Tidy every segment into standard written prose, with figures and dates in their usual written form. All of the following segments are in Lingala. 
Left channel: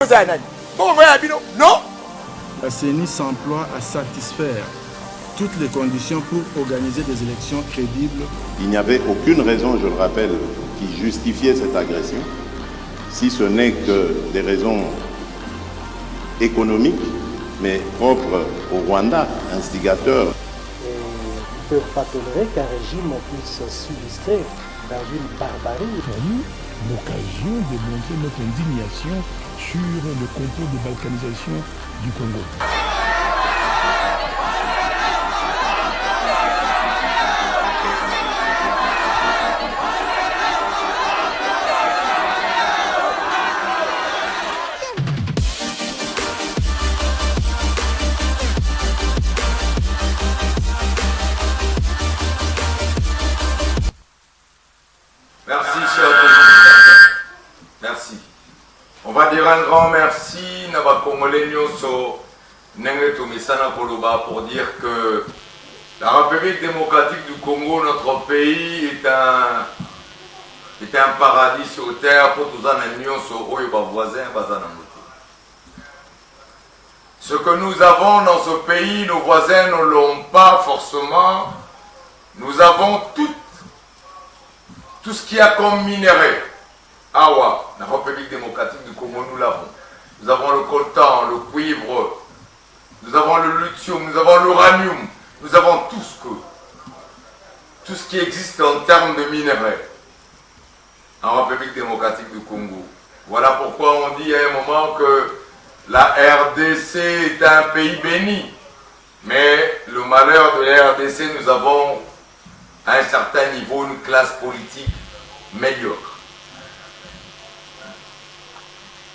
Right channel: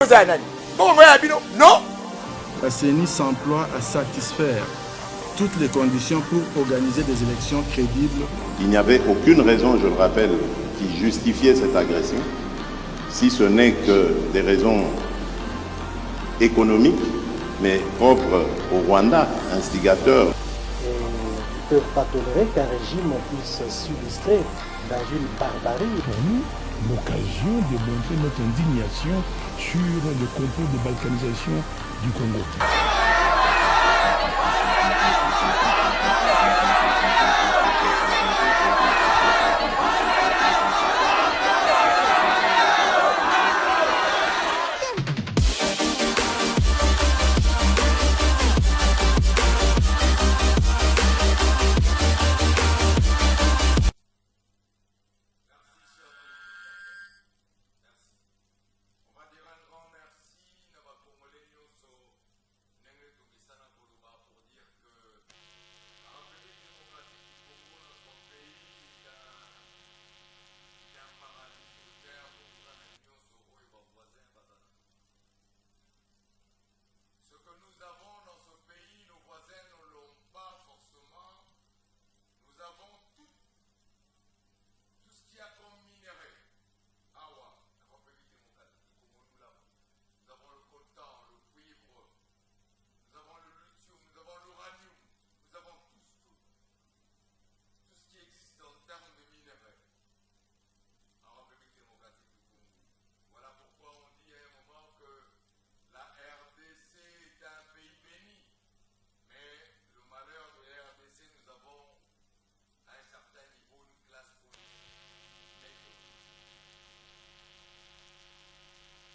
Non. La CENI s'emploie à satisfaire toutes les conditions pour organiser des élections crédibles. Il n'y avait aucune raison, je le rappelle, qui justifiait cette agression, si ce n'est que des raisons économiques, mais propres au Rwanda, instigateur. Ils ne peuvent pas tolérer qu'un régime puisse s'illustrer dans une barbarie. Pour nous, l'occasion de montrer notre indignation sur le complot de balkanisation du Congo. Merci, cher président. Merci. On va dire un grand merci à la Congolais pour dire que la République démocratique du Congo, notre pays, est un paradis sur terre pour tous les voisins. Ce que nous avons dans ce pays, nos voisins ne l'ont pas forcément. Nous avons tout ce qu'il y a comme minerai. Awa, la République démocratique du Congo, nous l'avons. Nous avons le coltan, le cuivre, nous avons le lithium, nous avons l'uranium, nous avons tout ce qui existe en termes de minerais en République démocratique du Congo. Voilà pourquoi on dit à un moment que la RDC est un pays béni. Mais le malheur de la RDC, nous avons à un certain niveau une classe politique médiocre.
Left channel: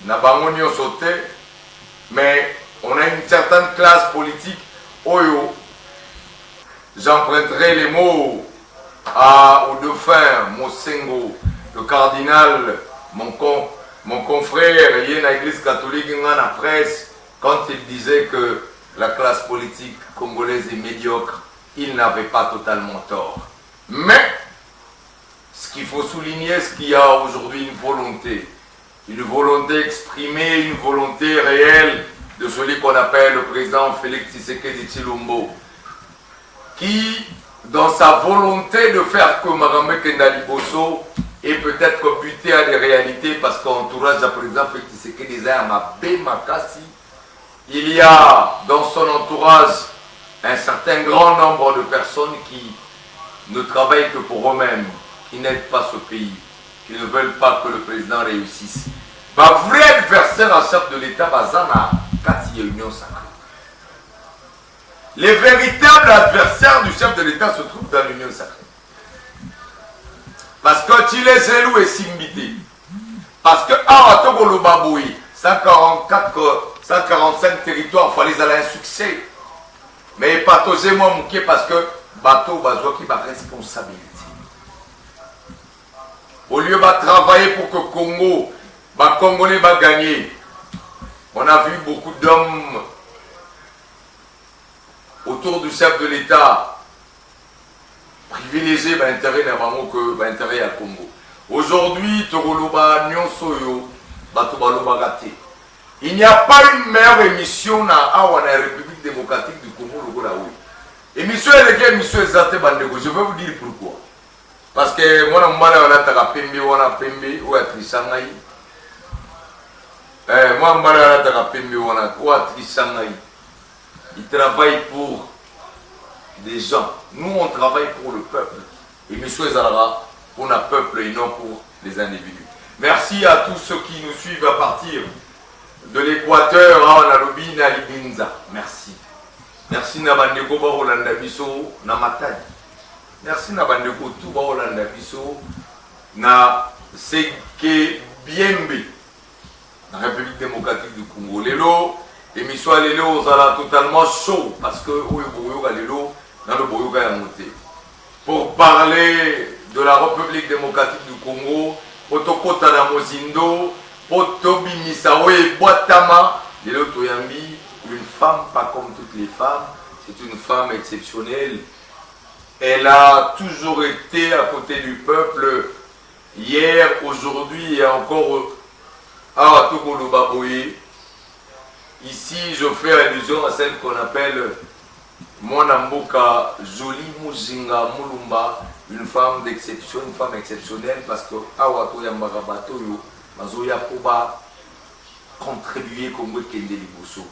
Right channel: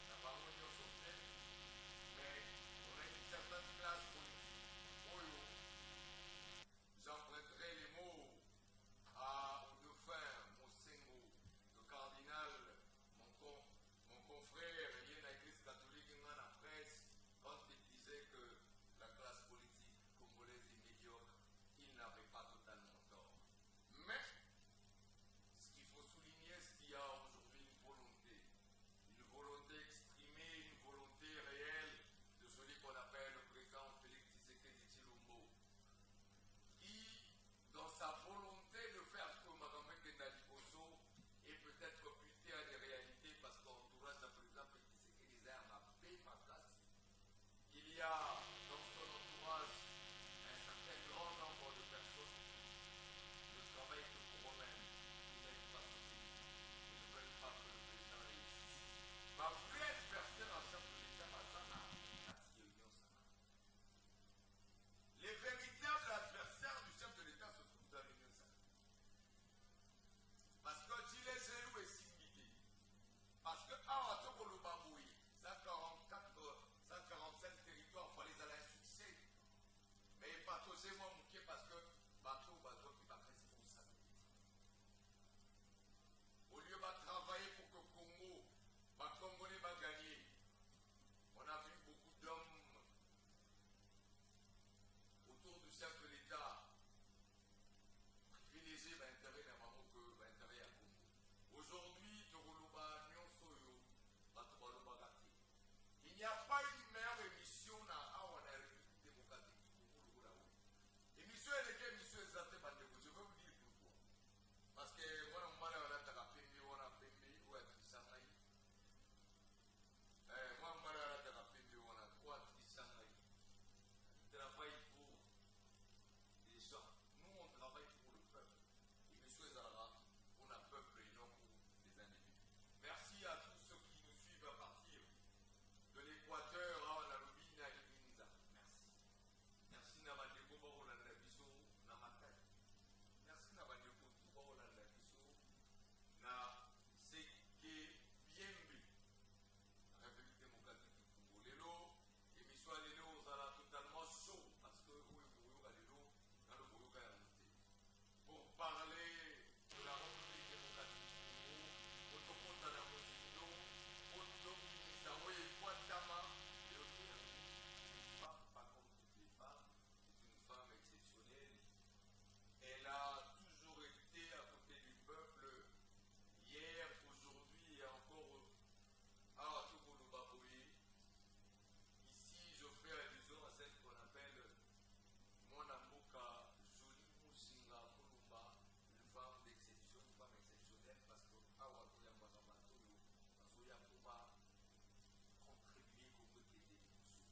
Nabangonio sauté, mais on a une certaine classe politique. Oyo, j'emprunterai les mots au dauphin Mosengo, le cardinal, mon confrère, il y a une église catholique dans la presse, quand il disait que la classe politique congolaise est médiocre, il n'avait pas totalement tort. Mais, ce qu'il faut souligner, c'est qu'il y a aujourd'hui une volonté exprimée, une volonté réelle de celui qu'on appelle le président Félix Tshisekedi Tshilombo, qui, dans sa volonté de faire que Marambe Kendali Bosso est peut-être buté à des réalités, parce qu'entourage du président Félix Tshisekedi Makassi, il y a dans son entourage un certain grand nombre de personnes qui ne travaillent que pour eux-mêmes, qui n'aident pas ce pays, qui ne veulent pas que le président réussisse. Le vrai adversaire en chef de l'État, Bazana, Kati Union Sacrée. Les véritables adversaires du chef de l'État se trouvent dans l'Union Sacrée. Parce que tu les élus et Simbité. Parce que, Togolo Baboui, 145 territoires, il fallait aller un succès. Mais pas tosé moi mouké parce que bateau bazoua qui va responsabilité. Au lieu de travailler pour que Congo, Congolais va gagner, on a vu beaucoup d'hommes autour du chef de l'État privilégier l'intérêt n'avant que l'intérêt à Congo. Aujourd'hui, Togoloba Nyonsoyo, Batobaloba raté. Il n'y a pas une meilleure émission dans la République démocratique du Congo, le Golaoui. Émission est émission exacte, je vais vous dire pourquoi. Parce que moi, on a Pembe, on a Pembe, ou à Trisangaï. Moi, on a Pembe, on a Trisangaï. Ils travaillent pour des gens. Nous, on travaille pour le peuple. Et M. Zara, pour le peuple et non pour les individus. Merci à tous ceux qui nous suivent à partir de l'Équateur, à Nalobi, Nalibinza. Merci. Merci Nabandeko Barolanda Biso, Namatadi. Merci Nabandeko tout Barolanda Biso, na Seke Biembe, la République démocratique du Congo. Lelo, émission Lelo, on sera totalement chaud parce que Lelo, dans le Boyoga est monté. Pour parler de la République démocratique du Congo, Otokota na Mozindo, Otobi Misawe Boatama, Lelo Toyambi, une femme pas comme toutes les femmes, c'est une femme exceptionnelle. Elle a toujours été à côté du peuple, hier, aujourd'hui et encore Ah, Tokolo Baboye. Ici, je fais allusion à celle qu'on appelle Monamboka Jolie Muzinga Mulumba, une femme d'exception, une femme exceptionnelle, parce que Awato Yambarabato yo, Mazoya Poba contribuer Congo Kende Liboso.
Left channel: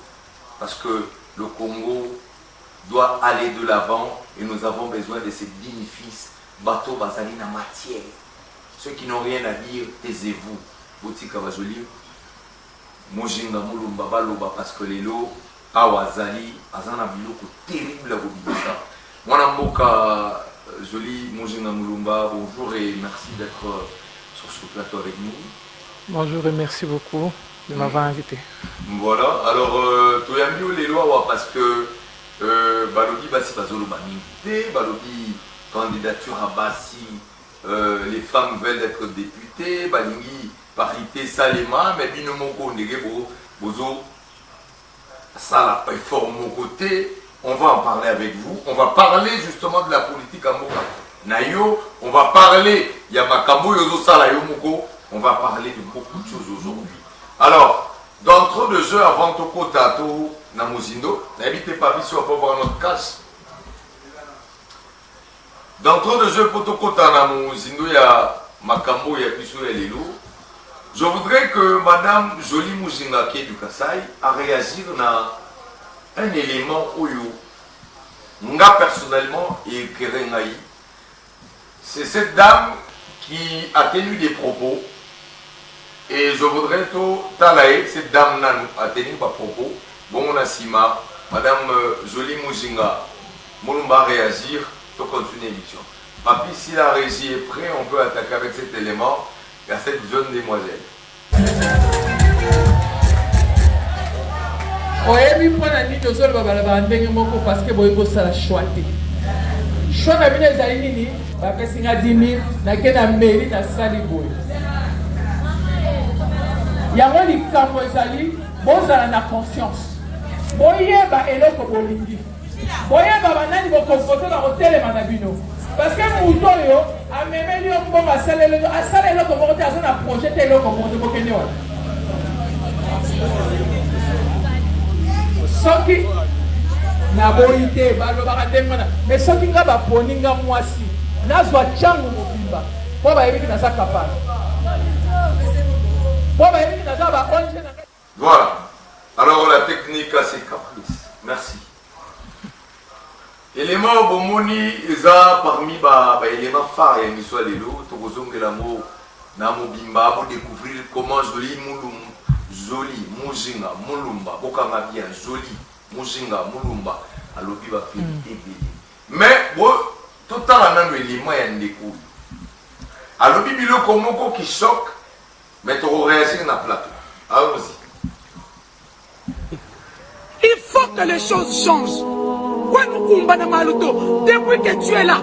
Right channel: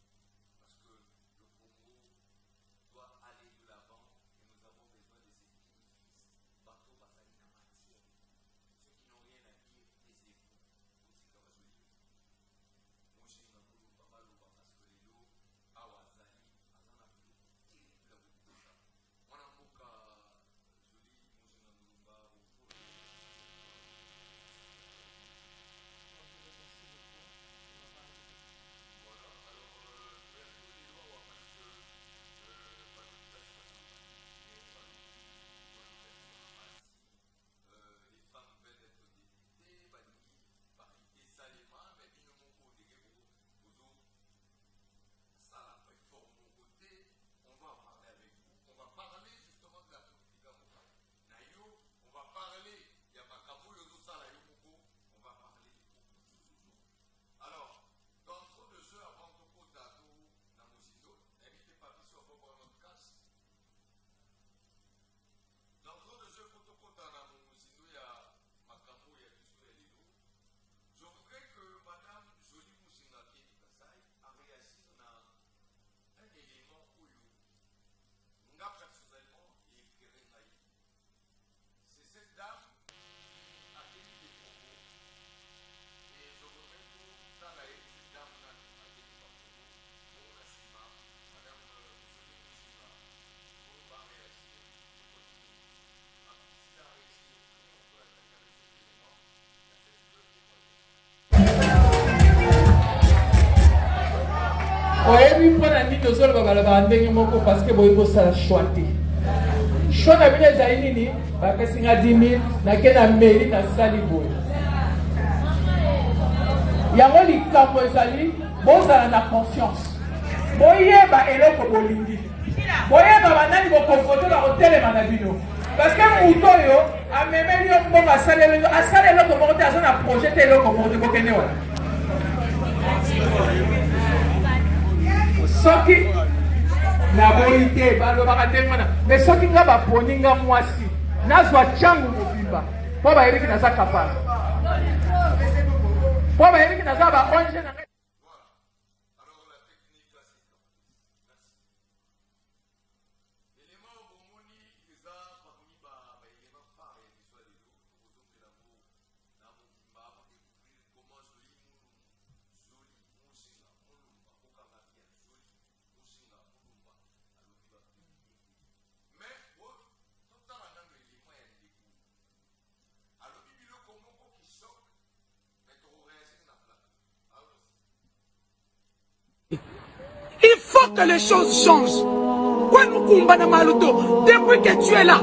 Parce que le Congo doit aller de l'avant et nous avons besoin de ces bénéfices. Bateau Bazali na matière. Ceux qui n'ont rien à dire, taisez-vous. Boutika Bajoli. Mojinga Mulumba Baloba parce que les lots Awazali Azana Biloko terrible à Bobisa. Mwanamboka Joli Mojinga Mulumba, bonjour et merci d'être sur ce plateau avec nous. Bonjour et merci beaucoup de m'avoir invité. Voilà, alors Toyambio les lois parce que Balobi Bassi Bazolo m'invité, Balobi candidature à Bassi, les femmes veulent être députées, Balingi parité Salema, mais Binomoko Negebo, Bozo, ça la fort mon côté, on va en parler avec vous, on va parler justement de la politique à Moka. Nayo, on va parler, Yamakambo Yozo Salayo Moko, on va parler de beaucoup de choses aujourd'hui. Alors, d'entre de jeux avant Toko Tato Namozindo, n'habitez pas ici, on va voir notre casse. D'entre de jeux pour Toko Namozindo, il y a Makambo, il y a Piso, il y a Lilo. Je voudrais que Madame Jolie Muzinga du Kassai a réagi à un élément Oyo. Nga personnellement et Kerengaï. C'est cette dame qui a tenu des propos. Et je voudrais tout talaye, cette dame a tenu des propos. Bon, on a Sima, Madame Jolie Muzinga, Moulumba réagir, pour continuer l'émission. Papi, si la régie est prête, on peut attaquer avec cet élément. À cette jeune demoiselle. oyebi mpona nini ozoloba balabala ndenge moko parce que boyi bosala choix te choix na bino ezali nini bapesi nga 10 000 nake na mairie nasali boye yango likambo ezali bozala na conscience boyeba eloko bolingi boyeba banani bokompote bakotelema na bino. Parce que Mouto yo a même lieu pour assaler le comportement à zone projeter le comportement bokene wa. Soki na boité balo bakatengana mais soki nga ba poninga mwasi nazwa changu mobimba po ba yebiki na sa kapana. Po ba yebiki na sa ba onje na. Voilà. Alors la technique c'est caprice. Merci. Élément bomoni eza parmi ba éléments phares et miswa lelo to kozongela mo na mobimba pour découvrir comment Jolie Muzinga Mulumba bokanga bien Jolie Muzinga Mulumba alobi ba félité mais bo total nando élément ya ndeko alobi biloko moko qui choque mais to réagir na plateau. Allons-y. Il faut que les choses changent. Depuis que tu es là,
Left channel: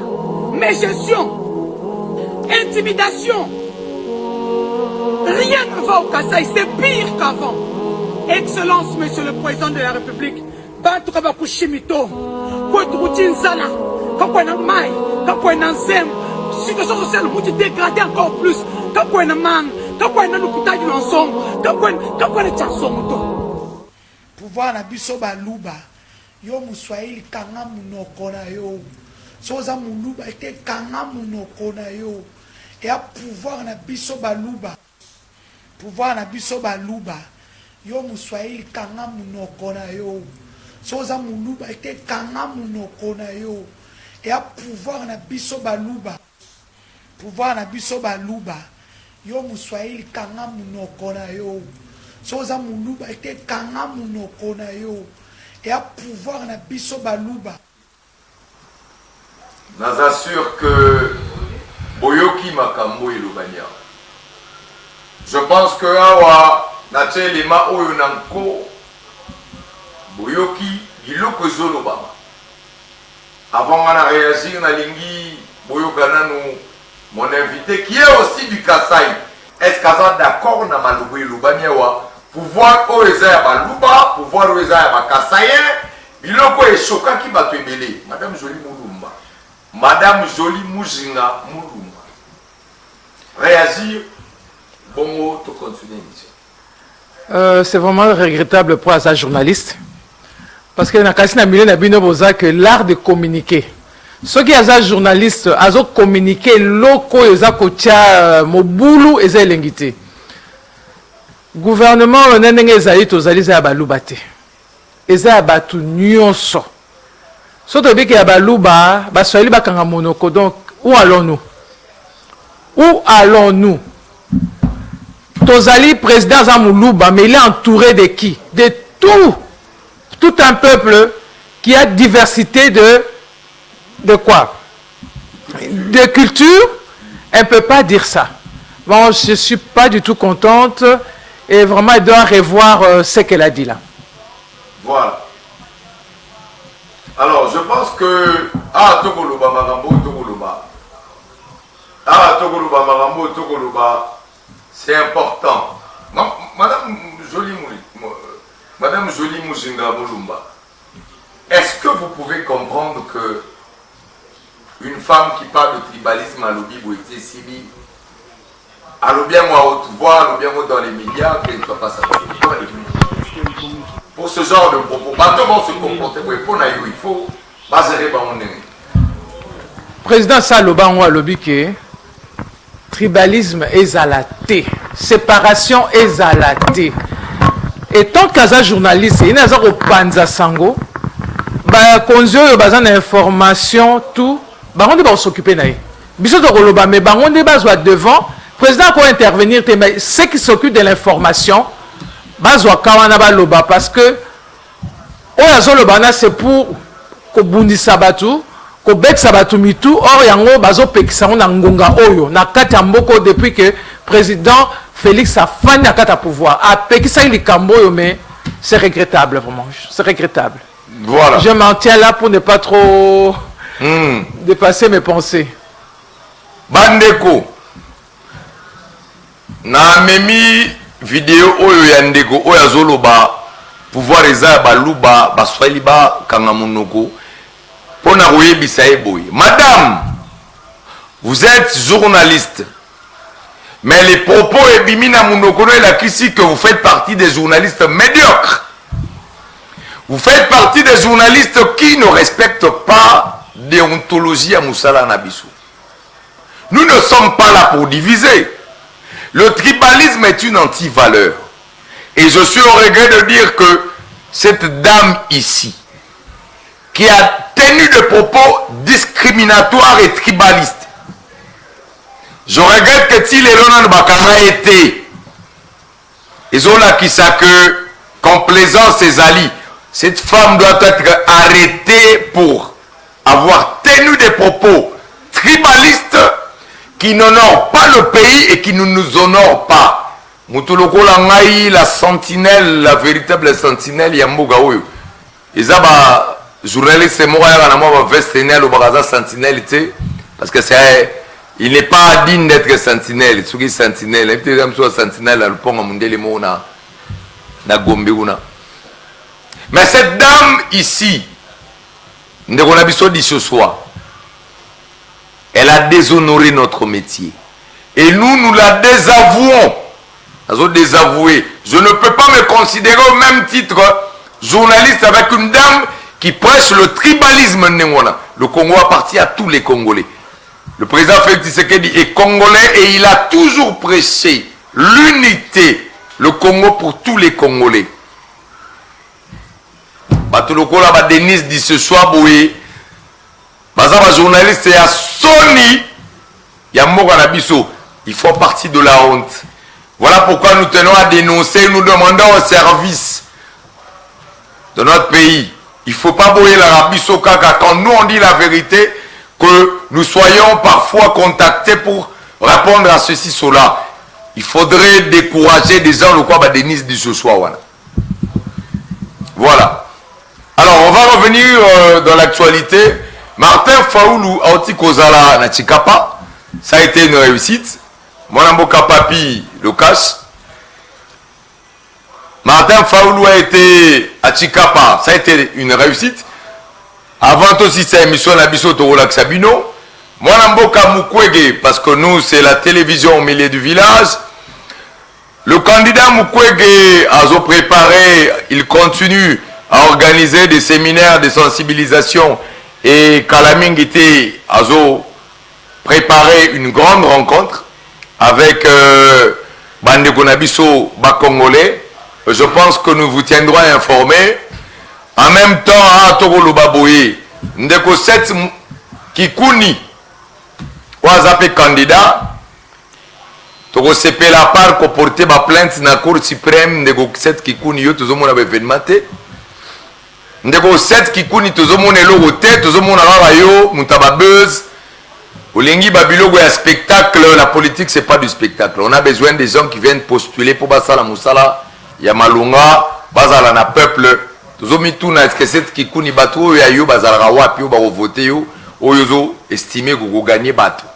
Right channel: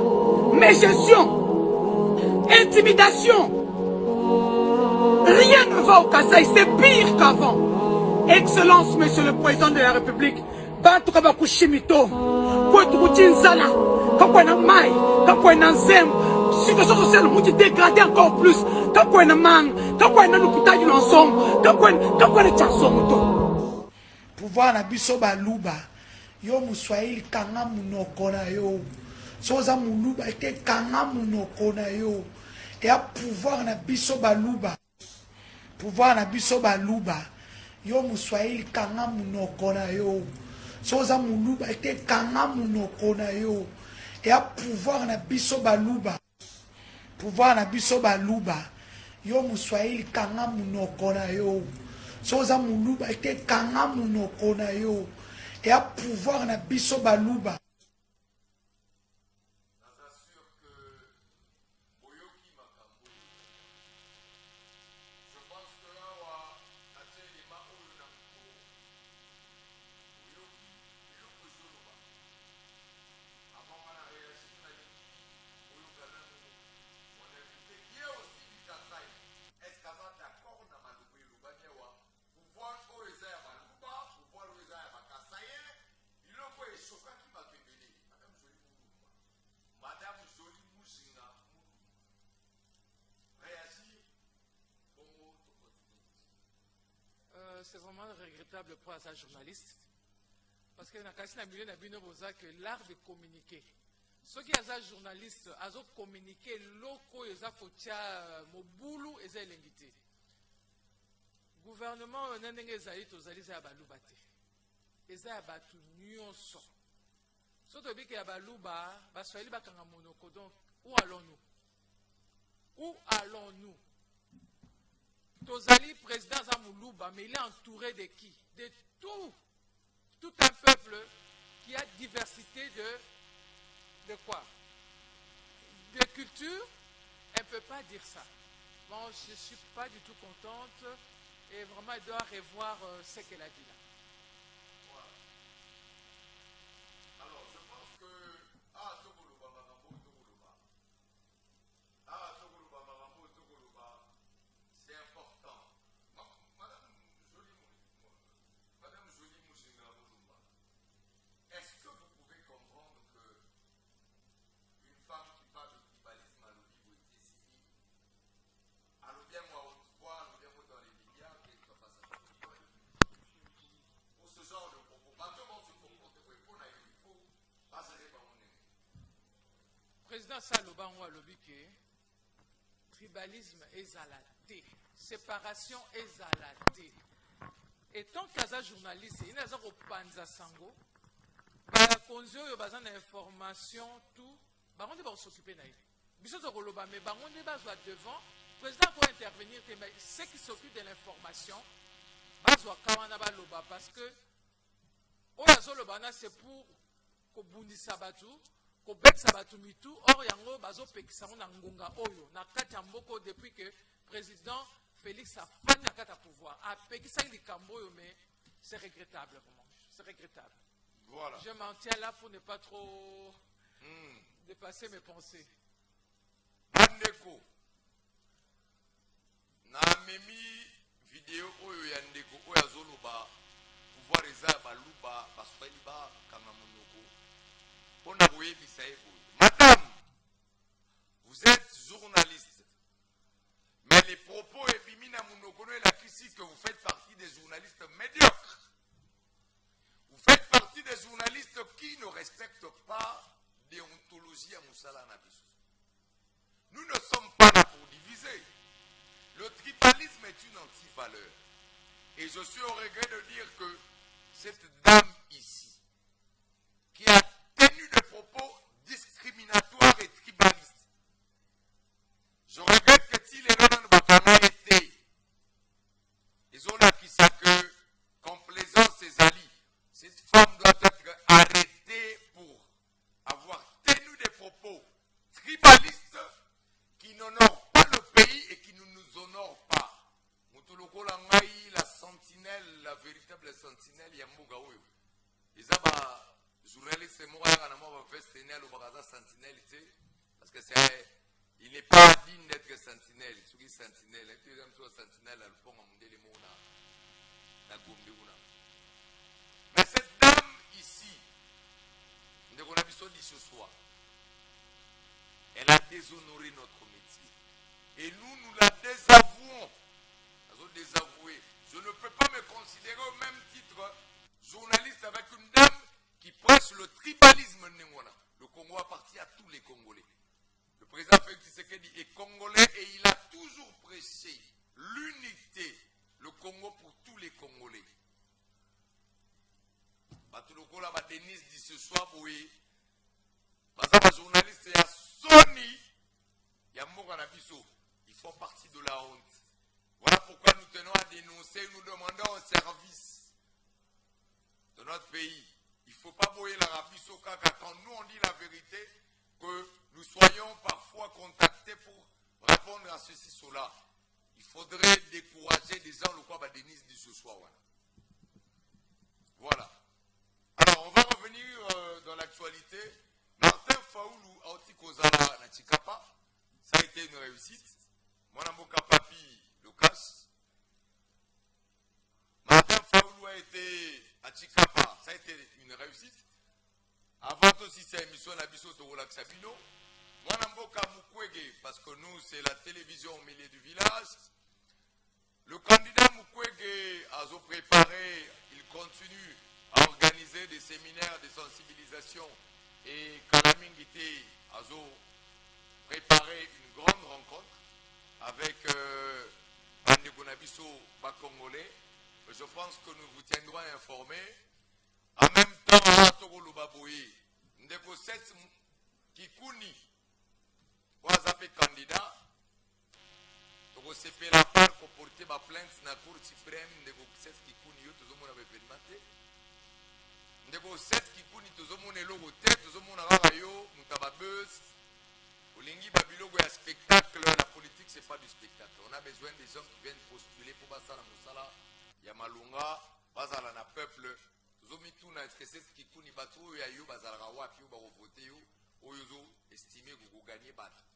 mes gestions, intimidation, rien ne va au Kassai, c'est pire qu'avant. Excellence, Monsieur le Président de la République, situation sociale nous dégradée encore plus. Pouvoir na biso baluba yo muswahili kanga munoko na yo soza muluba ete kanga munoko na yo et à pouvoir na biso baluba yo muswahili kanga munoko na yo soza muluba ete kanga munoko na yo et à pouvoir na biso baluba yo muswahili kanga munoko na yo soza muluba ete kanga munoko na yo et à pouvoir na biso baluba. Nous assure que Boyoki Makambo et Lubania. Je pense que awa na tchelema oyo nanko Boyoki biloko zolobama. Avant on a réagi na lingi Boyokana nous mon invité qui est aussi du Kassai. Est-ce qu'on est d'accord na malubu Lubania wa pouvoir oeza ya baluba, pouvoir oeza ya bakasayen, biloko e choka ki bato ebele. Madame Jolie Mulumba, Madame Jolie Muzinga Mulumba. Réagir, bon mot, to continuer l'émission. C'est vraiment regrettable pour un journaliste. Parce que dans que l'art de communiquer. Ceux qui sont journalistes, ils ont communiqué locaux, ils ont coaché Moboulou et ils ont l'ingité. Gouvernement, on a des abalubate. Ils ont abattu nyonso. Surtout que abaluba, baswali bakanga monoko. Donc, où allons-nous? Où allons-nous? Tozali président Zamoulouba, mais il est entouré de qui? De tout un peuple qui a diversité de quoi? De culture. Elle ne peut pas dire ça. Bon, je ne suis pas du tout contente et vraiment, elle doit revoir ce qu'elle a dit là. Voilà. Alors, je pense que... Ah, Togoloba, Marambo, Togoloba. Ah, Togoloba, Marambo, Togoloba. C'est important. Madame Jolie Mouchinga Moulumba, est-ce que vous pouvez comprendre que une femme qui parle de tribalisme à l'obi Boïté Sibi, à l'obien moi haute voix, à l'obien moi dans les médias, qu'elle ne soit pas savoir. Pour ce genre de propos, maintenant se comporter, il faut baser mon nez. Président Saloba ou à l'obi que tribalisme est à la thé, séparation est à la thé. Et tant qu'un journaliste, il y a un panza sango, quand il y a une information, tout, on va s'occuper de ça. Mais on va devant, le président va intervenir, ceux qui s'occupent de l'information, parce que c'est pour que Bundi Sabatou, que Bet Sabatou Mitu, or yango bazo pekisa na ngonga oyo, na kati ya mboko depuis que président Félix a fini à quatre pouvoir. A pekisa il kamboyo, mais c'est regrettable vraiment, c'est regrettable. Voilà. Je m'en tiens là pour ne pas trop dépasser mes pensées. Bandeko, na memi vidéo oyo ya ndeko oyo azoloba pouvoir eza baluba baswali ba kanga monoko pona koyebisa eboye. Madame, vous êtes journaliste, mais les propos ebimina monoko et la critique que vous faites partie des journalistes médiocres. Vous faites partie des journalistes qui ne respectent pas déontologie à Moussala Nabisu. Nous ne sommes pas là pour diviser. Le tribalisme est une anti-valeur. Et je suis au regret de dire que cette dame ici, qui a tenu des propos discriminatoires et tribalistes, je regrette que si les Ronan Bakama étaient, ils ont là qui ça que complaisance et zali, cette femme doit être arrêtée pour avoir tenu des propos tribalistes qui n'honorent pas le pays et qui ne nous honorent pas. Moutuloko Langaï, la sentinelle, la véritable sentinelle, Yamboga Oyo. Ils ont journaliste moi vesténel ou baraza sentinelle, parce que c'est il n'est pas digne d'être sentinelle. Ce qui est sentinelle, il y a une sentinelle à le pont à Mundele Mona, na Gombeuna. Mais cette dame ici, ce soir, elle a déshonoré notre métier. Et nous la désavouons. Nous désavoué. Je ne peux pas me considérer au même titre journaliste avec une dame qui prêche le tribalisme. Le Congo appartient à tous les Congolais. Le président Félix Tshisekedi est congolais et il a toujours prêché l'unité, le Congo pour tous les Congolais. Batuloko là, Denis dit ce soir, boé. Bazaba journaliste et à Sony, Yamoganabiso, ils font partie de la honte. Voilà pourquoi nous tenons à dénoncer, nous demandons au service de notre pays. Il ne faut pas boyer la Rabiso Kaka quand nous on dit la vérité, que nous soyons parfois contactés pour répondre à ceci, cela. Il faudrait décourager des gens, le quoi Denis dit ce soir. Voilà. Alors, on va revenir dans l'actualité. Martin Faoulou Aoti Kozala na Chikapa, ça a été une réussite. Monamboka Papi le cache. Martin Faoulou a été à Chikapa, ça a été une réussite. Avant aussi cette émission Nabiso Torolak Sabino. Monamboka Mukwege, parce que nous c'est la télévision au milieu du village. Le candidat Mukwege a préparé, il continue à organiser des séminaires de sensibilisation et Kalamingité a préparé une grande rencontre avec Bande Konabiso Bakongolais. Je pense que nous vous tiendrons informés. En même temps, à Togolo Baboye, Ndeko 7 Kikuni, Ouazapé candidat, Togo CP la part qu'on portait ma plainte dans la Cour suprême, Ndeko 7 Kikuni, yo, tout le monde avait événement. Ndeko 7 Kikuni, tout le monde est l'oroté, tout le monde a yo, Moutababeuse. Olingi Babilogo est un spectacle, la politique c'est pas du spectacle. On a besoin des gens qui viennent postuler pour Basala Moussala, Yamalunga, Basala na peuple. Tozomituna est-ce que c'est Kikuni Batou ya yo Basala wapi ou ba voter yo, oyozo estimé que gagner Batou.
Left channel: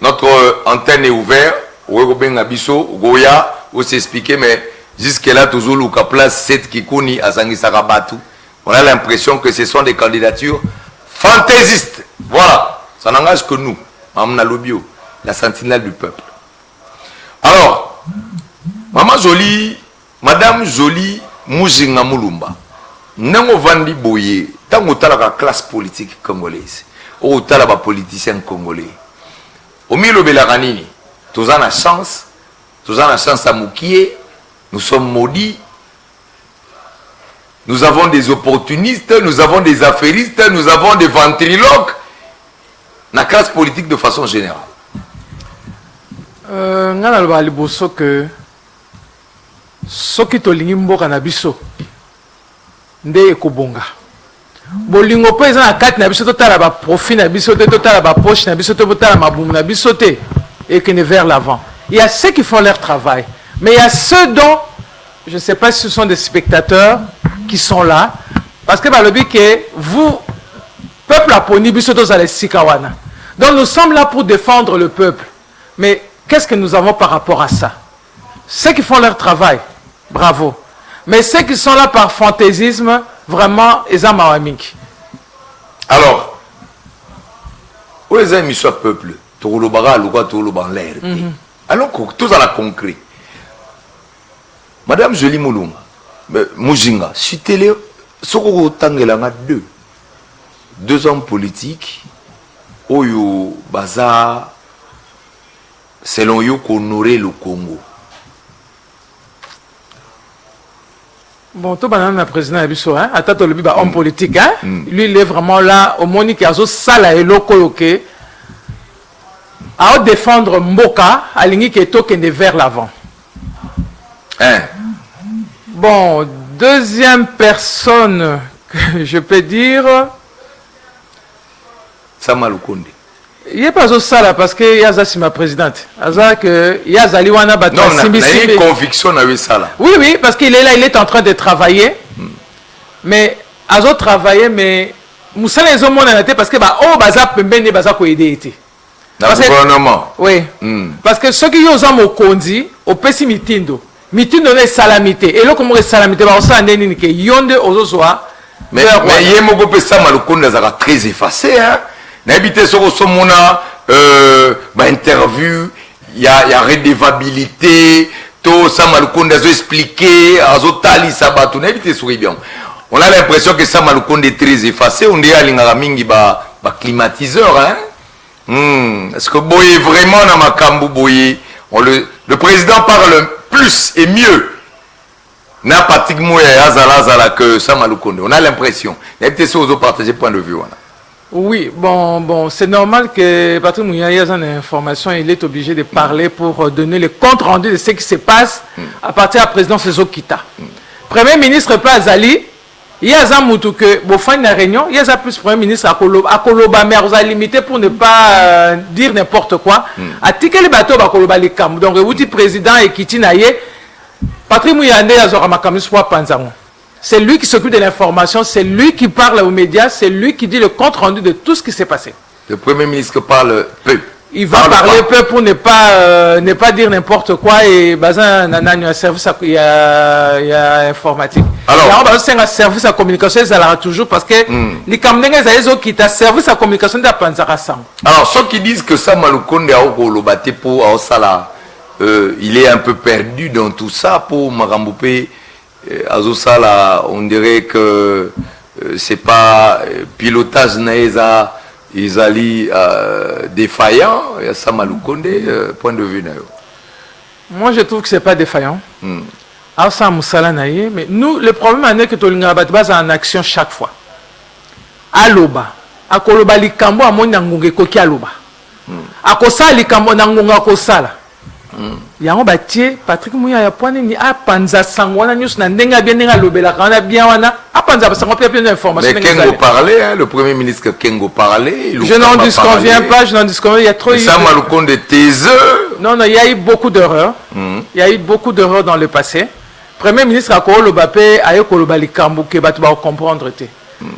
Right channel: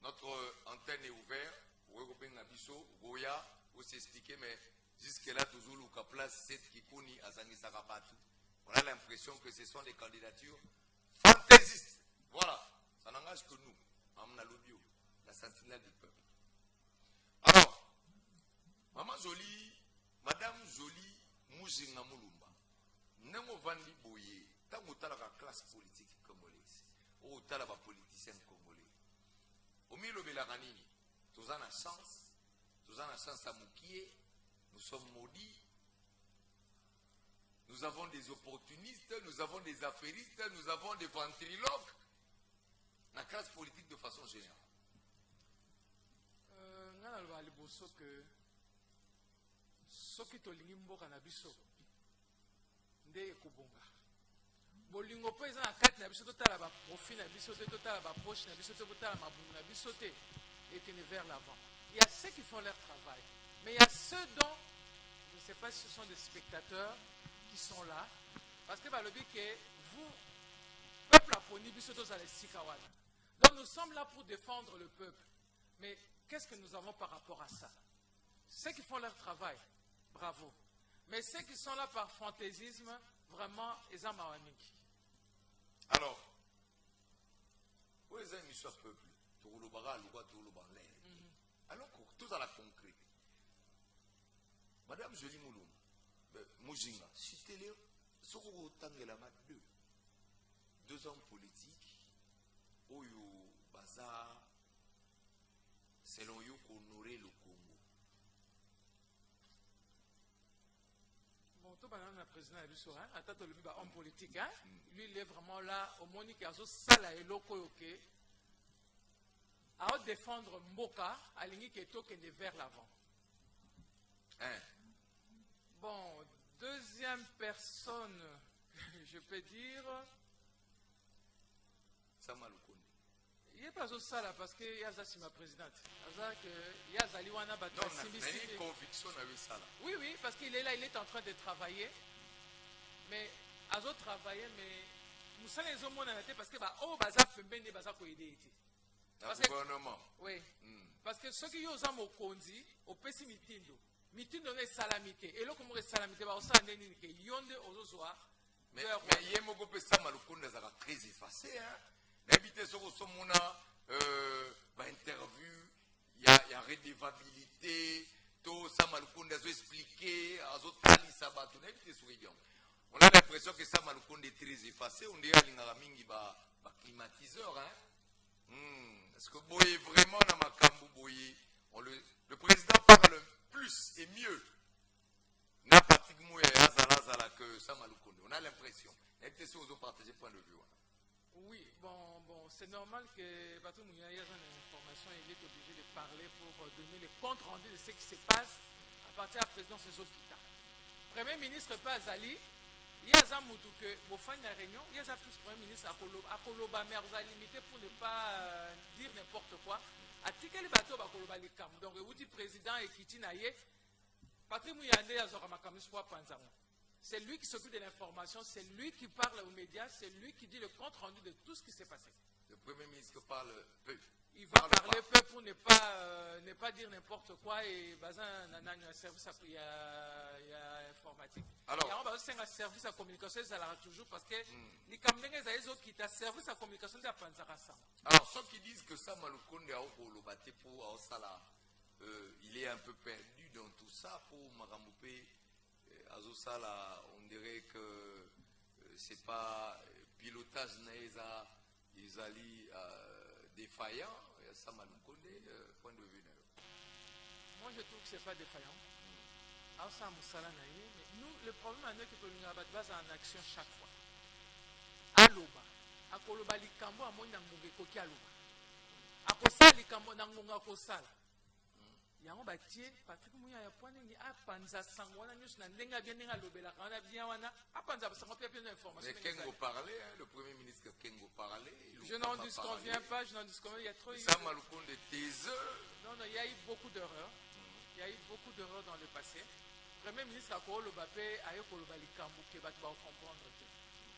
Notre antenne est ouverte, ou benga biso, goya, ou s'expliquer mais jusque là toujours luka place 7 Kikuni à Zangisaka Batou. On a l'impression que ce sont des candidatures fantaisistes. Voilà. Ça n'engage que nous, Mamna Lobio, la sentinelle du peuple. Alors, Maman Jolie, Madame Jolie Mujinga Mulumba, Nango Vandi Boye, tango tala la classe politique congolaise, ou tala ba politicien congolais. Au milieu de la ranini, tous en a chance à Moukié, nous sommes maudits. Nous avons des opportunistes, nous avons des affairistes, nous avons des ventriloques. La classe politique de façon générale. Ngana loba liboso que soki tolingi mboka na biso nde ekobonga. Bolingo pe eza na kati na biso totala ba profit na biso te totala ba poche na biso te totala mabumu na biso te et que ne vers l'avant. Il y a ceux qui font leur travail, mais il y a ceux dont je ne sais pas si ce sont des spectateurs qui sont là parce que balobi que vous peuple a poni biso to zale sikawana. Donc nous sommes là pour défendre le peuple. Mais qu'est-ce que nous avons par rapport à ça? Ceux qui font leur travail, bravo. Mais ceux qui sont là par fantaisisme, vraiment, ils ont mawamik. Alors, où les amis sont peuple, Togolobara, Louga, Togoloban l'air. Alors, tout à la concret. Madame Jolie Mouluma, Mujinga, citez-les, Sokoro Tangelanga 2 hommes politiques, Oyo Baza, selon eux, honorer le Congo. Bon, tout le monde président Abisso, hein, à tête le homme politique, hein, lui il est vraiment là, au Monique Azo, Sala et Lokoyoke, à défendre Mboka, à l'ingé qui est token vers l'avant. Hein? Bon, deuxième personne que je peux dire. Samalukonde. Il n'est pas au sala parce que Yaza c'est ma présidente. Yaza Liwana Bata. Non, il y a une conviction à Sala. Oui, oui, parce qu'il est là, il est en train de travailler. Mais Azo travailler, mais Moussa les hommes parce que oh baza pembene baza ko aider été. Dans le gouvernement. Oui. Parce que ceux qui ont au kondi, au pessimitindo, mitindo ne salamité. Et là comme on salamité, on s'en dénine que yonde aux soir. Mais il y a beaucoup de Samalukonde très effacé, hein. N'habitez sur mon interview, il y a redevabilité, tout ça Samalukonde a expliqué, Azotali Sabatou, n'habitez sur bien. On a l'impression que Samalukonde est très effacé, on dit à l'Ingamingi climatiseur, hein. Est-ce que Boye vraiment dans ma cambo Boye, le président parle plus et mieux. N'a pratiquement que Samalukonde. On a l'impression. N'habitez sur aux partager point de vue. Oui, bon, c'est normal que Patrick Mouya ait une information, il est obligé de parler pour donner le compte rendu de ce qui se passe à partir de la présidence de Zokita. Premier ministre Plazali, il y a un moutou que, bon, fin de la réunion, il y a plus Premier ministre à Koloba, mais on a limité pour ne pas dire n'importe quoi. À ticket les bateaux, à Koloba les cam. Donc, le président et Kitinaye, Patrick Mouya a Zoramakamis Panzango. C'est lui qui s'occupe de l'information, c'est lui qui parle aux médias, c'est lui qui dit le compte rendu de tout ce qui s'est passé. Le Premier ministre parle peu. Il va parler peu pour ne pas dire n'importe quoi et bazin il y a un service il y a informatique. Alors c'est un service à communication ça l'aura toujours parce que les Camerounais qui ont service à communication de Panzara Sang. Alors ceux qui disent que ça Samalukonde a au batté pour au sala il est un peu perdu dans tout ça pour Maramboupe. Azosala, on dirait que c'est pas pilotage naïsa, Isali défaillant. Il y a ça Maloukonde, point de vue. Moi, je trouve que c'est pas défaillant. Mais nous, le problème est que Tolinga Batbaz en action chaque fois. Aloba. Akoloba likambo amoni ngunge koki aloba. Akosala likambo ngunga kosala. Yango batie Patrick Mouya ya poane ni apanza sangwana news na ndenga bien ndenga lobela kana bien wana apanza sango plein d'informations. Mais Kengo parlait, hein, le premier ministre Kengo parlait. Je n'en disconviens pas, je n'en disconviens. Il y a trop. Ça Maloukonde de taiseux. Non, il y a eu beaucoup d'erreurs. Il y a eu beaucoup d'erreurs dans le passé. Premier ministre a Kolo Bapé a eu Kolo Balikambo que tu vas comprendre.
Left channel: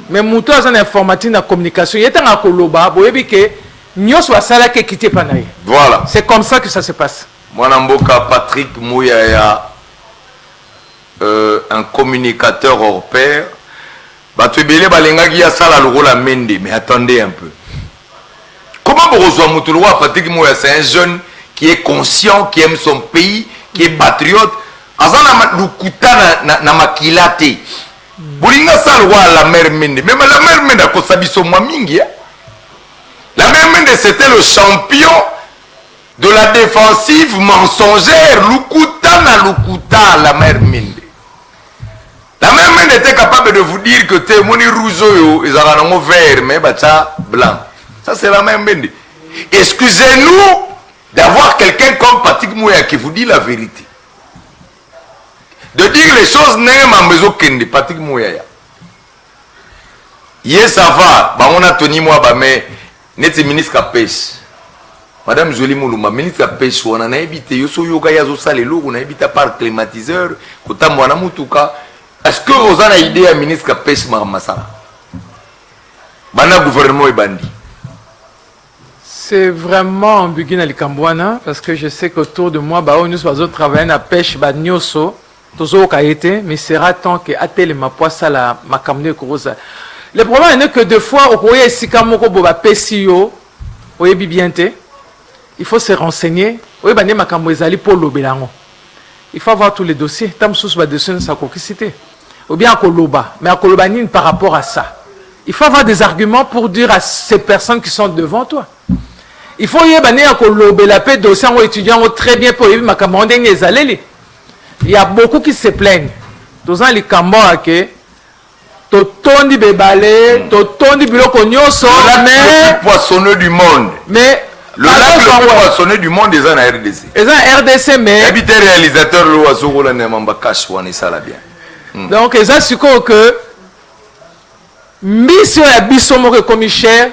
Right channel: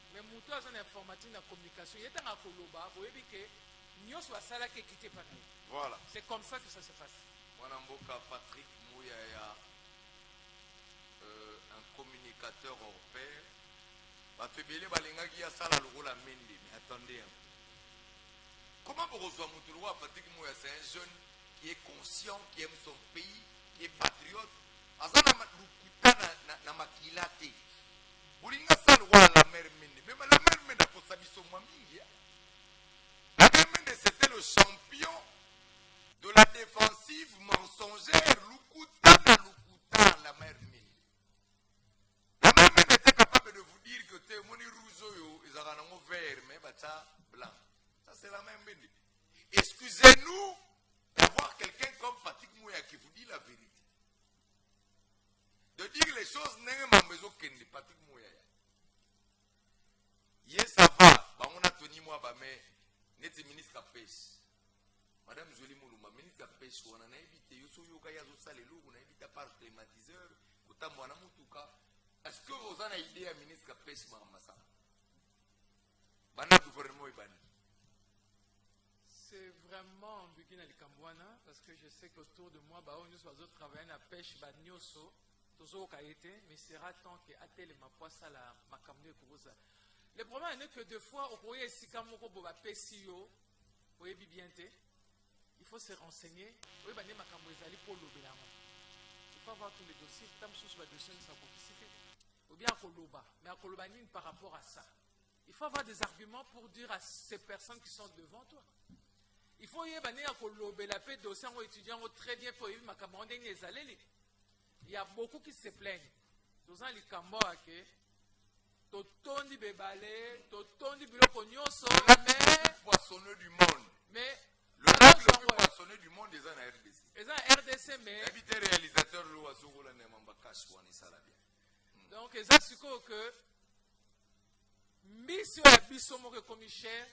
Mais Mouto a une informatique dans la communication. Il y a un Koloba, boyebi que nyos wa sala ke quitté panaye. Voilà. C'est comme ça que ça se passe. Mwanamboka Patrick Mouyaya, un communicateur hors pair. Batubele balenga qui a ça la rôle à Mende, mais attendez un peu. Comment vous reçoivez Moutouloua Patrick Mouyaya? C'est un jeune qui est conscient, qui aime son pays, qui est patriote. Azana lukuta na makilate. Bolinga ça le roi la mère Mende. Même la mère Mende a kosabiso mwamingi. La mère Mende c'était le champion de la défensive mensongère, Lukuta na Lukuta, la mère Mende. La mère Mende était capable de vous dire que t'es moni rougeau, ils ont un vert, mais bacha blanc. Ça c'est la mère Mende. Excusez-nous d'avoir quelqu'un comme Patrick Mouya qui vous dit la vérité. De dire les choses n'est ma maison kende, Patrick Mouya. Yes, ça va, bah on a tenu moi, bah mais, n'est-ce ministre à pêche. Madame Jolie Moulouma, ministre de la Pêche, on a habité, yoso yoga yazo salelo, on a habité par climatiseur, kota mwana mutuka. Est-ce que vous avez une idée à ministre de la Pêche Maramasala? Bana gouvernement et bandi. C'est vraiment ambigu na likambwana parce que je sais qu'autour de moi, bah nous sommes travailler na pêche, bah nyoso, tozo kaité, mais sera tant que atele ma poissa la makamne korosa. Le problème est que deux fois au koye sikamoko boba pesio, oye bibiente. Il faut se renseigner. Il faut avoir tous les dossiers. Ou bien à Koloba. Mais à Koloba, par rapport à ça. Il faut avoir des arguments pour dire à ces personnes qui sont devant toi. Il faut y aller à Koloba, la paix dossier aux étudiants très bien pour y aller. Il y a beaucoup qui se plaignent. Tous les Cambodgiens qui totondi bebalé, totondi biloko nyoso, le plus poissonneux du monde. Mais le lac le plus poissonneux du monde est en RDC. Et en RDC, mais. Habité réalisateur, le oiseau, la nemamba cache, on est ça là bien. Donc, et ça, c'est que. Mission et Bissomo comme cher,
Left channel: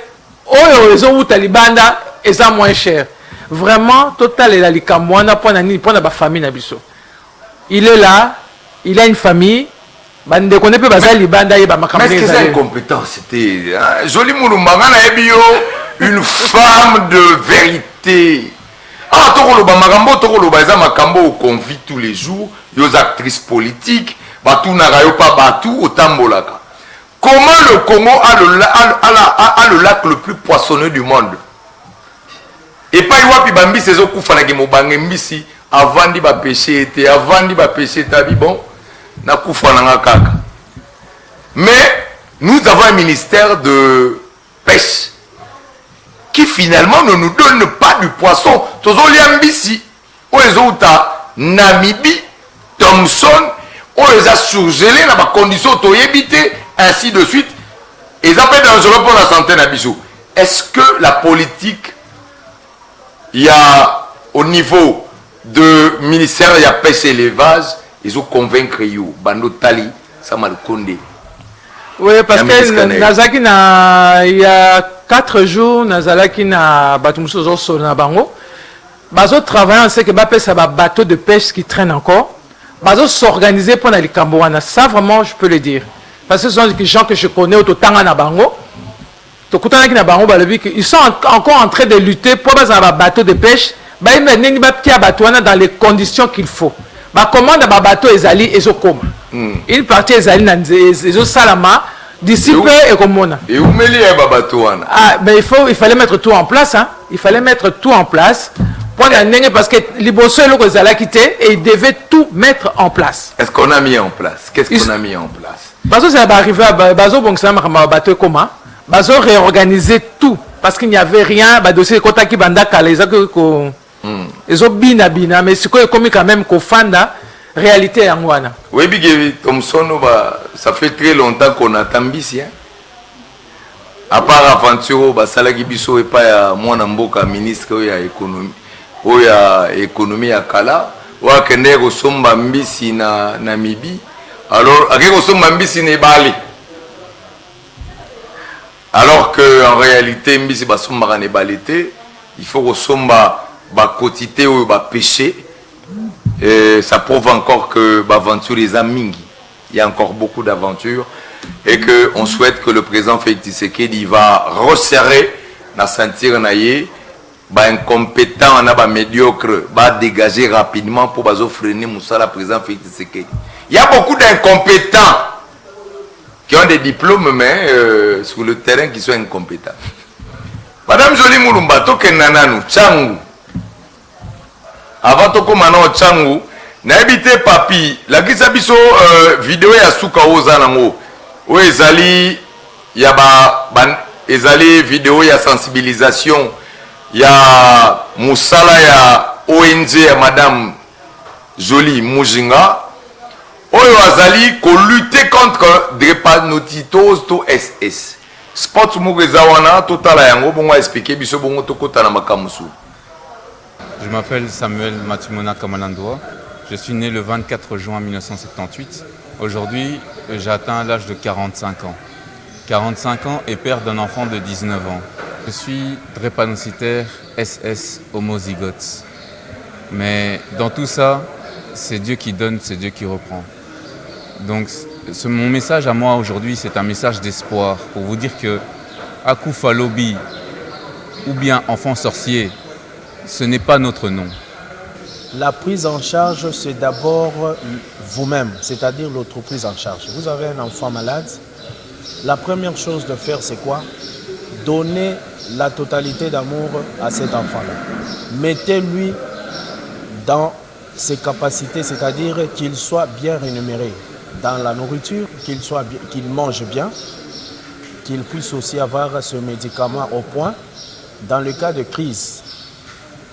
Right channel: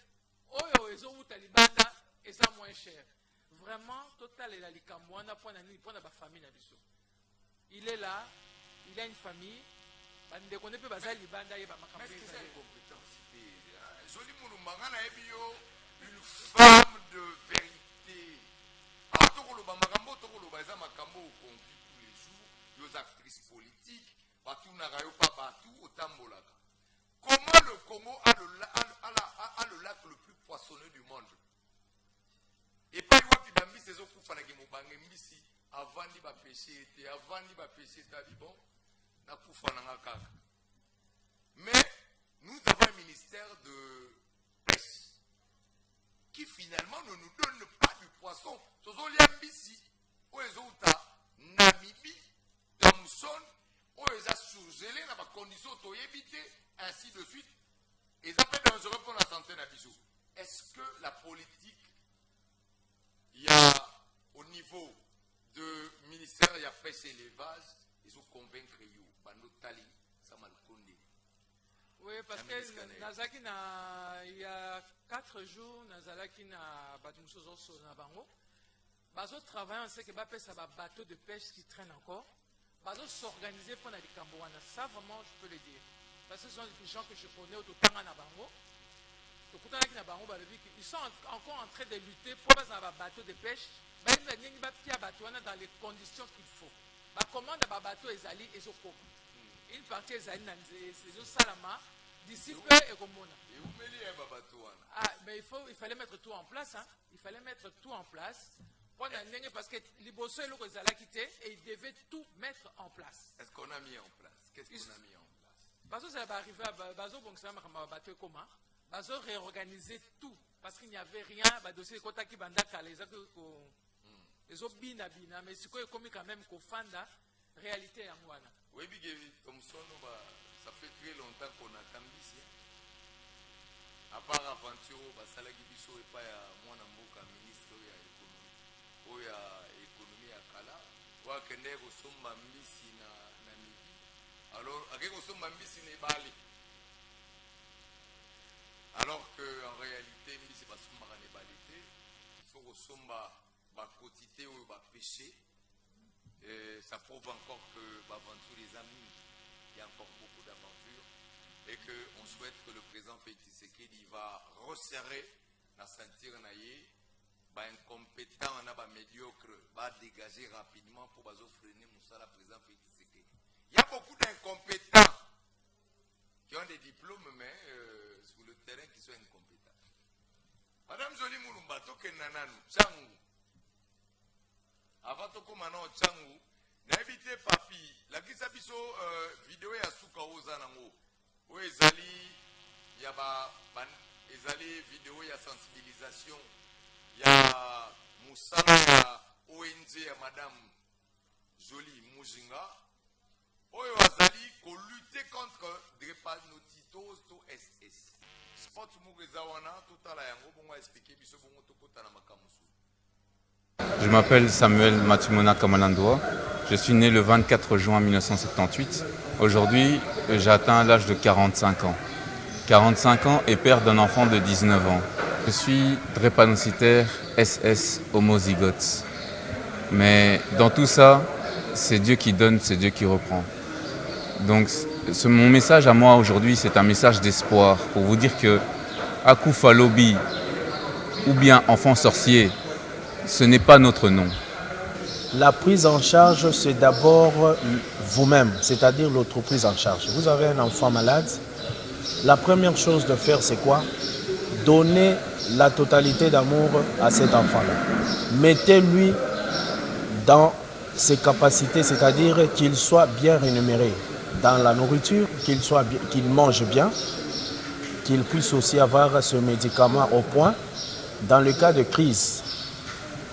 ou raison où Talibanda, et ça moins cher. Vraiment, total et la likamwana, pour la famille Nabiso. Il est là, il a une famille. Mais est-ce que c'est incompétent? C'était Joli Mouloumanga une femme de vérité. Ah, Tokoloba Magambo, Tokoloba Makambo qu'on vit tous les jours, les actrices politiques, Batou Narayo pas Batou, au Tambolaka. Comment le Congo a le lac le plus poissonneux du monde? Et pas Iwapi Bambi, c'est Zokoufanagi Mobange Mbisi, avant d'y pêcher, avant d'y pêcher, bon. Mais nous avons un ministère de pêche qui finalement ne nous donne pas du poisson. Tozoliambisi, Namibie, Thomson, on les a surgelés dans des conditions toyébité, ainsi de suite. Et ça peut être dangereux pour la santé Nabisou. Est-ce que la politique, il y a au niveau de ministère, il y a pêche et élevage, ils ont convaincu you, Bando Tali, Samalkonde. Oui, parce que Nazaki il y a 4 jours, Nazalaki na Batumuso Sona Bango. Bazo travaille, on sait que Bapé ça va bateau de pêche qui traîne encore. Bazo s'organiser pour les Cambouana. Ça vraiment, je peux le dire. Parce que ce sont des gens que je connais au Totanga na Bango. Ils sont encore en train de lutter pour un bateau de pêche. Dans les conditions qu'il faut. Comment un bateau ezali ezokoma. Une partie ezali salama d'ici peu et comme et où mêler un bateau? Ah, mais il fallait mettre tout en place. Hein. Il fallait mettre tout en place parce que Liboso est quitté et il devait tout mettre en place. Est-ce qu'on a mis en place? Qu'est-ce qu'on a mis en place? Bazo ça va arriver à Bazo bateau comment? Bazo réorganiser tout parce qu'il n'y avait rien. Dossier kota ki banda kala ils ont bina mais c'est comme quand même qu'on fanda réalité en wana. Oui bigi Thomson ça fait très longtemps qu'on attend ici. À part aventure basalaki biso et pas ya mwana mboka ministre ya économie. Oya économie ya kala wa kende ko somba mbisi na Namibie alors akeko somba mbisi ne bali alors que en réalité mbisi ba somba ne balité il faut ko somba ba quotité ou ba pêcher et ça prouve encore que ba aventure les amingi il y a encore beaucoup d'aventures et que on souhaite que le président Félix Tshisekedi va resserrer na sentir naie incompétent, médiocre, va dégager rapidement pour freiner Moussa, la président Félix Tshisekedi. Il y a beaucoup d'incompétents qui ont des diplômes, mais sur le terrain qui sont incompétents. Madame Jolie Moulumba, toke nananu, Tchangou. Avant toko manon Tchangou, n'a habité papi, la kisabiso vidéo ya souka ozanango. Ou ezali, ya ezali vidéo ya sensibilisation. Il y a Moussala, il y a ONG, il y a Madame Jolie Moujinga. Oyo azali ko lutter contre drépanocytose to SS. Sport Mugezawana, total yango bongo expliquer biso bongo tokota na makamusu. Je m'appelle Samuel Matumona Kamalandoa. Je suis né le 24 juin 1978. Aujourd'hui, j'ai atteint l'âge de 45 ans. 45 ans et père d'un enfant de 19 ans. Je suis drépanocytaire SS homozygote. Mais dans tout ça, c'est Dieu qui donne, c'est Dieu qui reprend. Donc mon message à moi aujourd'hui, c'est un message d'espoir pour vous dire que Akufa Lobby ou bien enfant sorcier, ce n'est pas notre nom. La prise en charge, c'est d'abord vous-même, c'est-à-dire l'autre prise en charge. Vous avez un enfant malade, la première chose de faire, c'est quoi? Donner la totalité d'amour à cet enfant-là. Mettez-lui dans ses capacités, c'est-à-dire qu'il soit bien rémunéré dans la nourriture, qu'il mange bien, qu'il puisse aussi avoir ce médicament au point. Dans le cas de crise,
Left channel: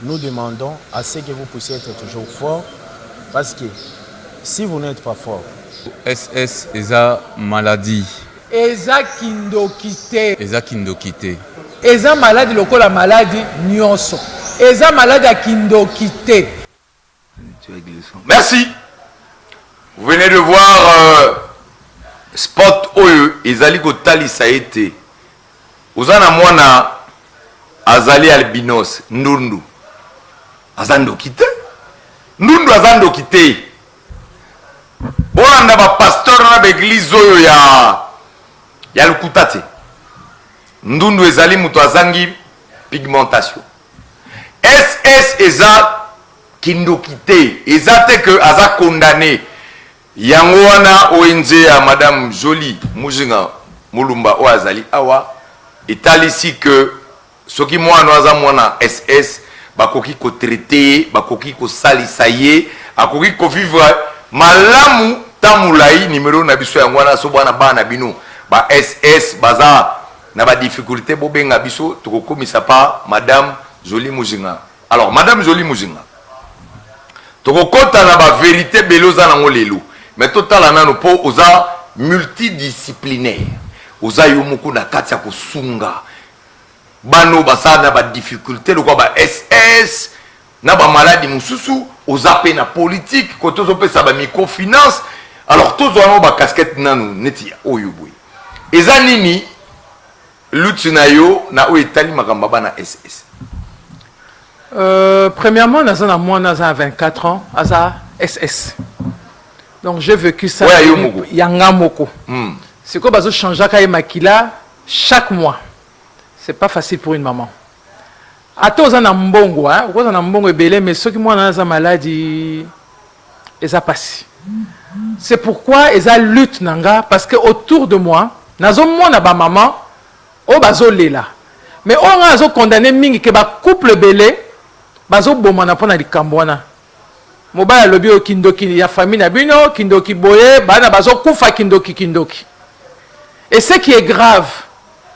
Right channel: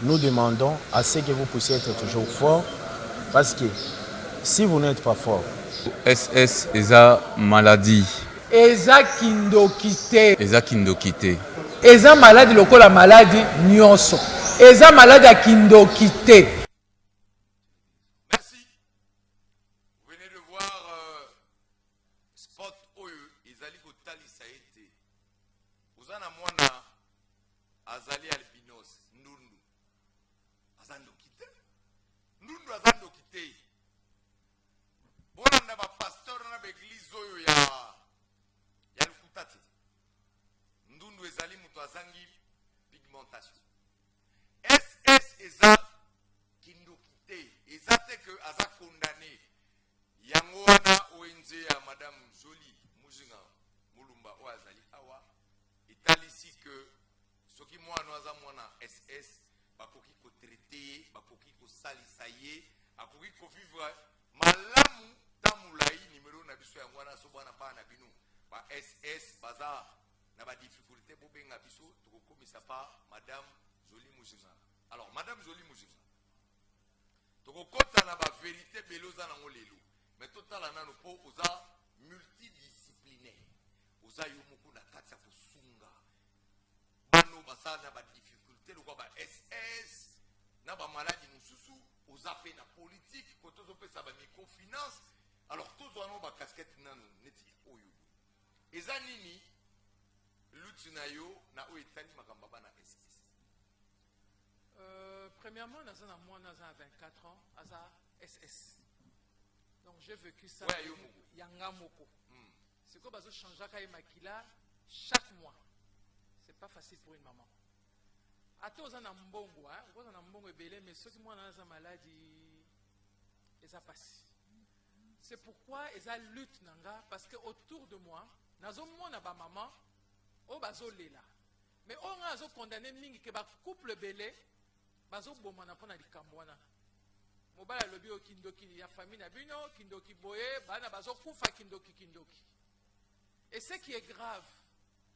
nous demandons à ce que vous puissiez être toujours fort, parce que si vous n'êtes pas fort... SS est la maladie. Eza kindokité. Eza kindokité. Eza maladie lokola maladie nyonso. Eza maladie kindokité. Merci. Vous venez de voir Spot Oyo ezali kotali ça été. Ozana mwana azali albinos ndundu. Azandokité. Ndundu azandokité. Bolanda ba pasteur na ba église oyo ya lukutate. Ndundu ezali muto azangi pigmentation. SS eza kindokité. Ezate que aza condamné. Yango wana ONG ya Madame Jolie Moujinga Moulumba o azali awa etalisi que soki mwana aza mwana SS bakoki ko traiter, bakoki ko salisa ye, akoki ko vivre malamu tamulai numéro na biso yango wana so bana bana bino ba SS baza na ba difficulté bobenga biso tokokomisa pa Madame Jolie Moujinga. Alors Madame Jolie Moujinga tokokota na ba vérité beloza nango lelo. Mais total anano po oza multidisciplinaire. Oza yomuku na kati ya kosunga. Bano basa na ba difficulté lokwa ba SS na ba maladie mususu oza pe na politique ko tozo pe sa ba microfinance. Alors tozo ano ba casquette nanu neti oyo boy. Eza nini lutte na yo na o etali makamba bana SS. Premièrement, moi, j'ai 24 ans, j'ai SS. Donc, j'ai vécu ça. Yangamoko. C'est quoi, parce que changer à Makila chaque mois. C'est pas facile pour une maman. À tous, on a un mbongo, hein. On a un mbongo belé, mais ceux qui ont une maladie, ils ont passé. C'est pourquoi ils ont lutte nanga, parce que autour de moi, nazo moi na ba maman, o bazo lela. Mais on a condamné mingi que ba couple belé. bazo bomana pona likambo wana mobala lobi o kindoki ya famille na bino kindoki boye bana bazo kufa kindoki. Et ce qui est grave,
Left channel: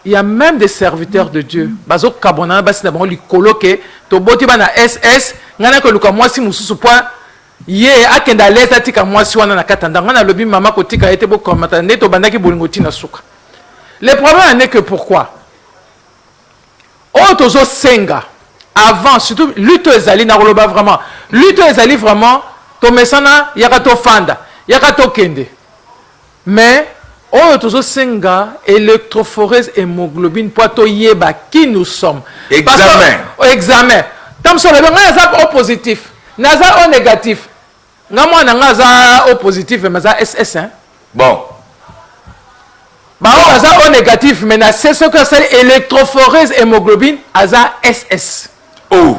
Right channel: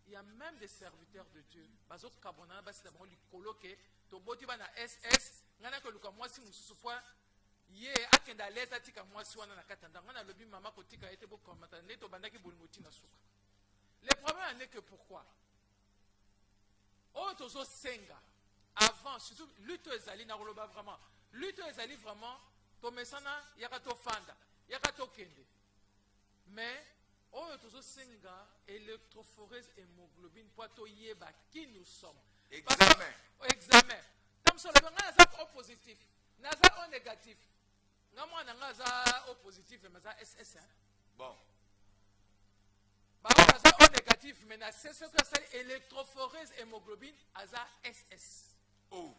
il y a même des serviteurs de Dieu bazo kabona basi na bango likolo ke to boti bana SS ngana ko luka mwasi mususu point ye akenda leza tika mwasi wana na katanda ngana lobi mama ko tika ete bo komata neto bandaki bolingo tina suka. Le problème n'est que pourquoi Otozo senga avant surtout lutte ezali na roloba vraiment lutte ezali vraiment to mesana yakato fanda yakato kende mais otozo senga électrophorèse hémoglobine pour to yeba qui nous sommes examen tam so le nga za O positif naza O négatif nga mwana nga za O positif mais za SS hein bon bah on a O négatif mais c'est ce que c'est électrophorèse hémoglobine aza SS. Oh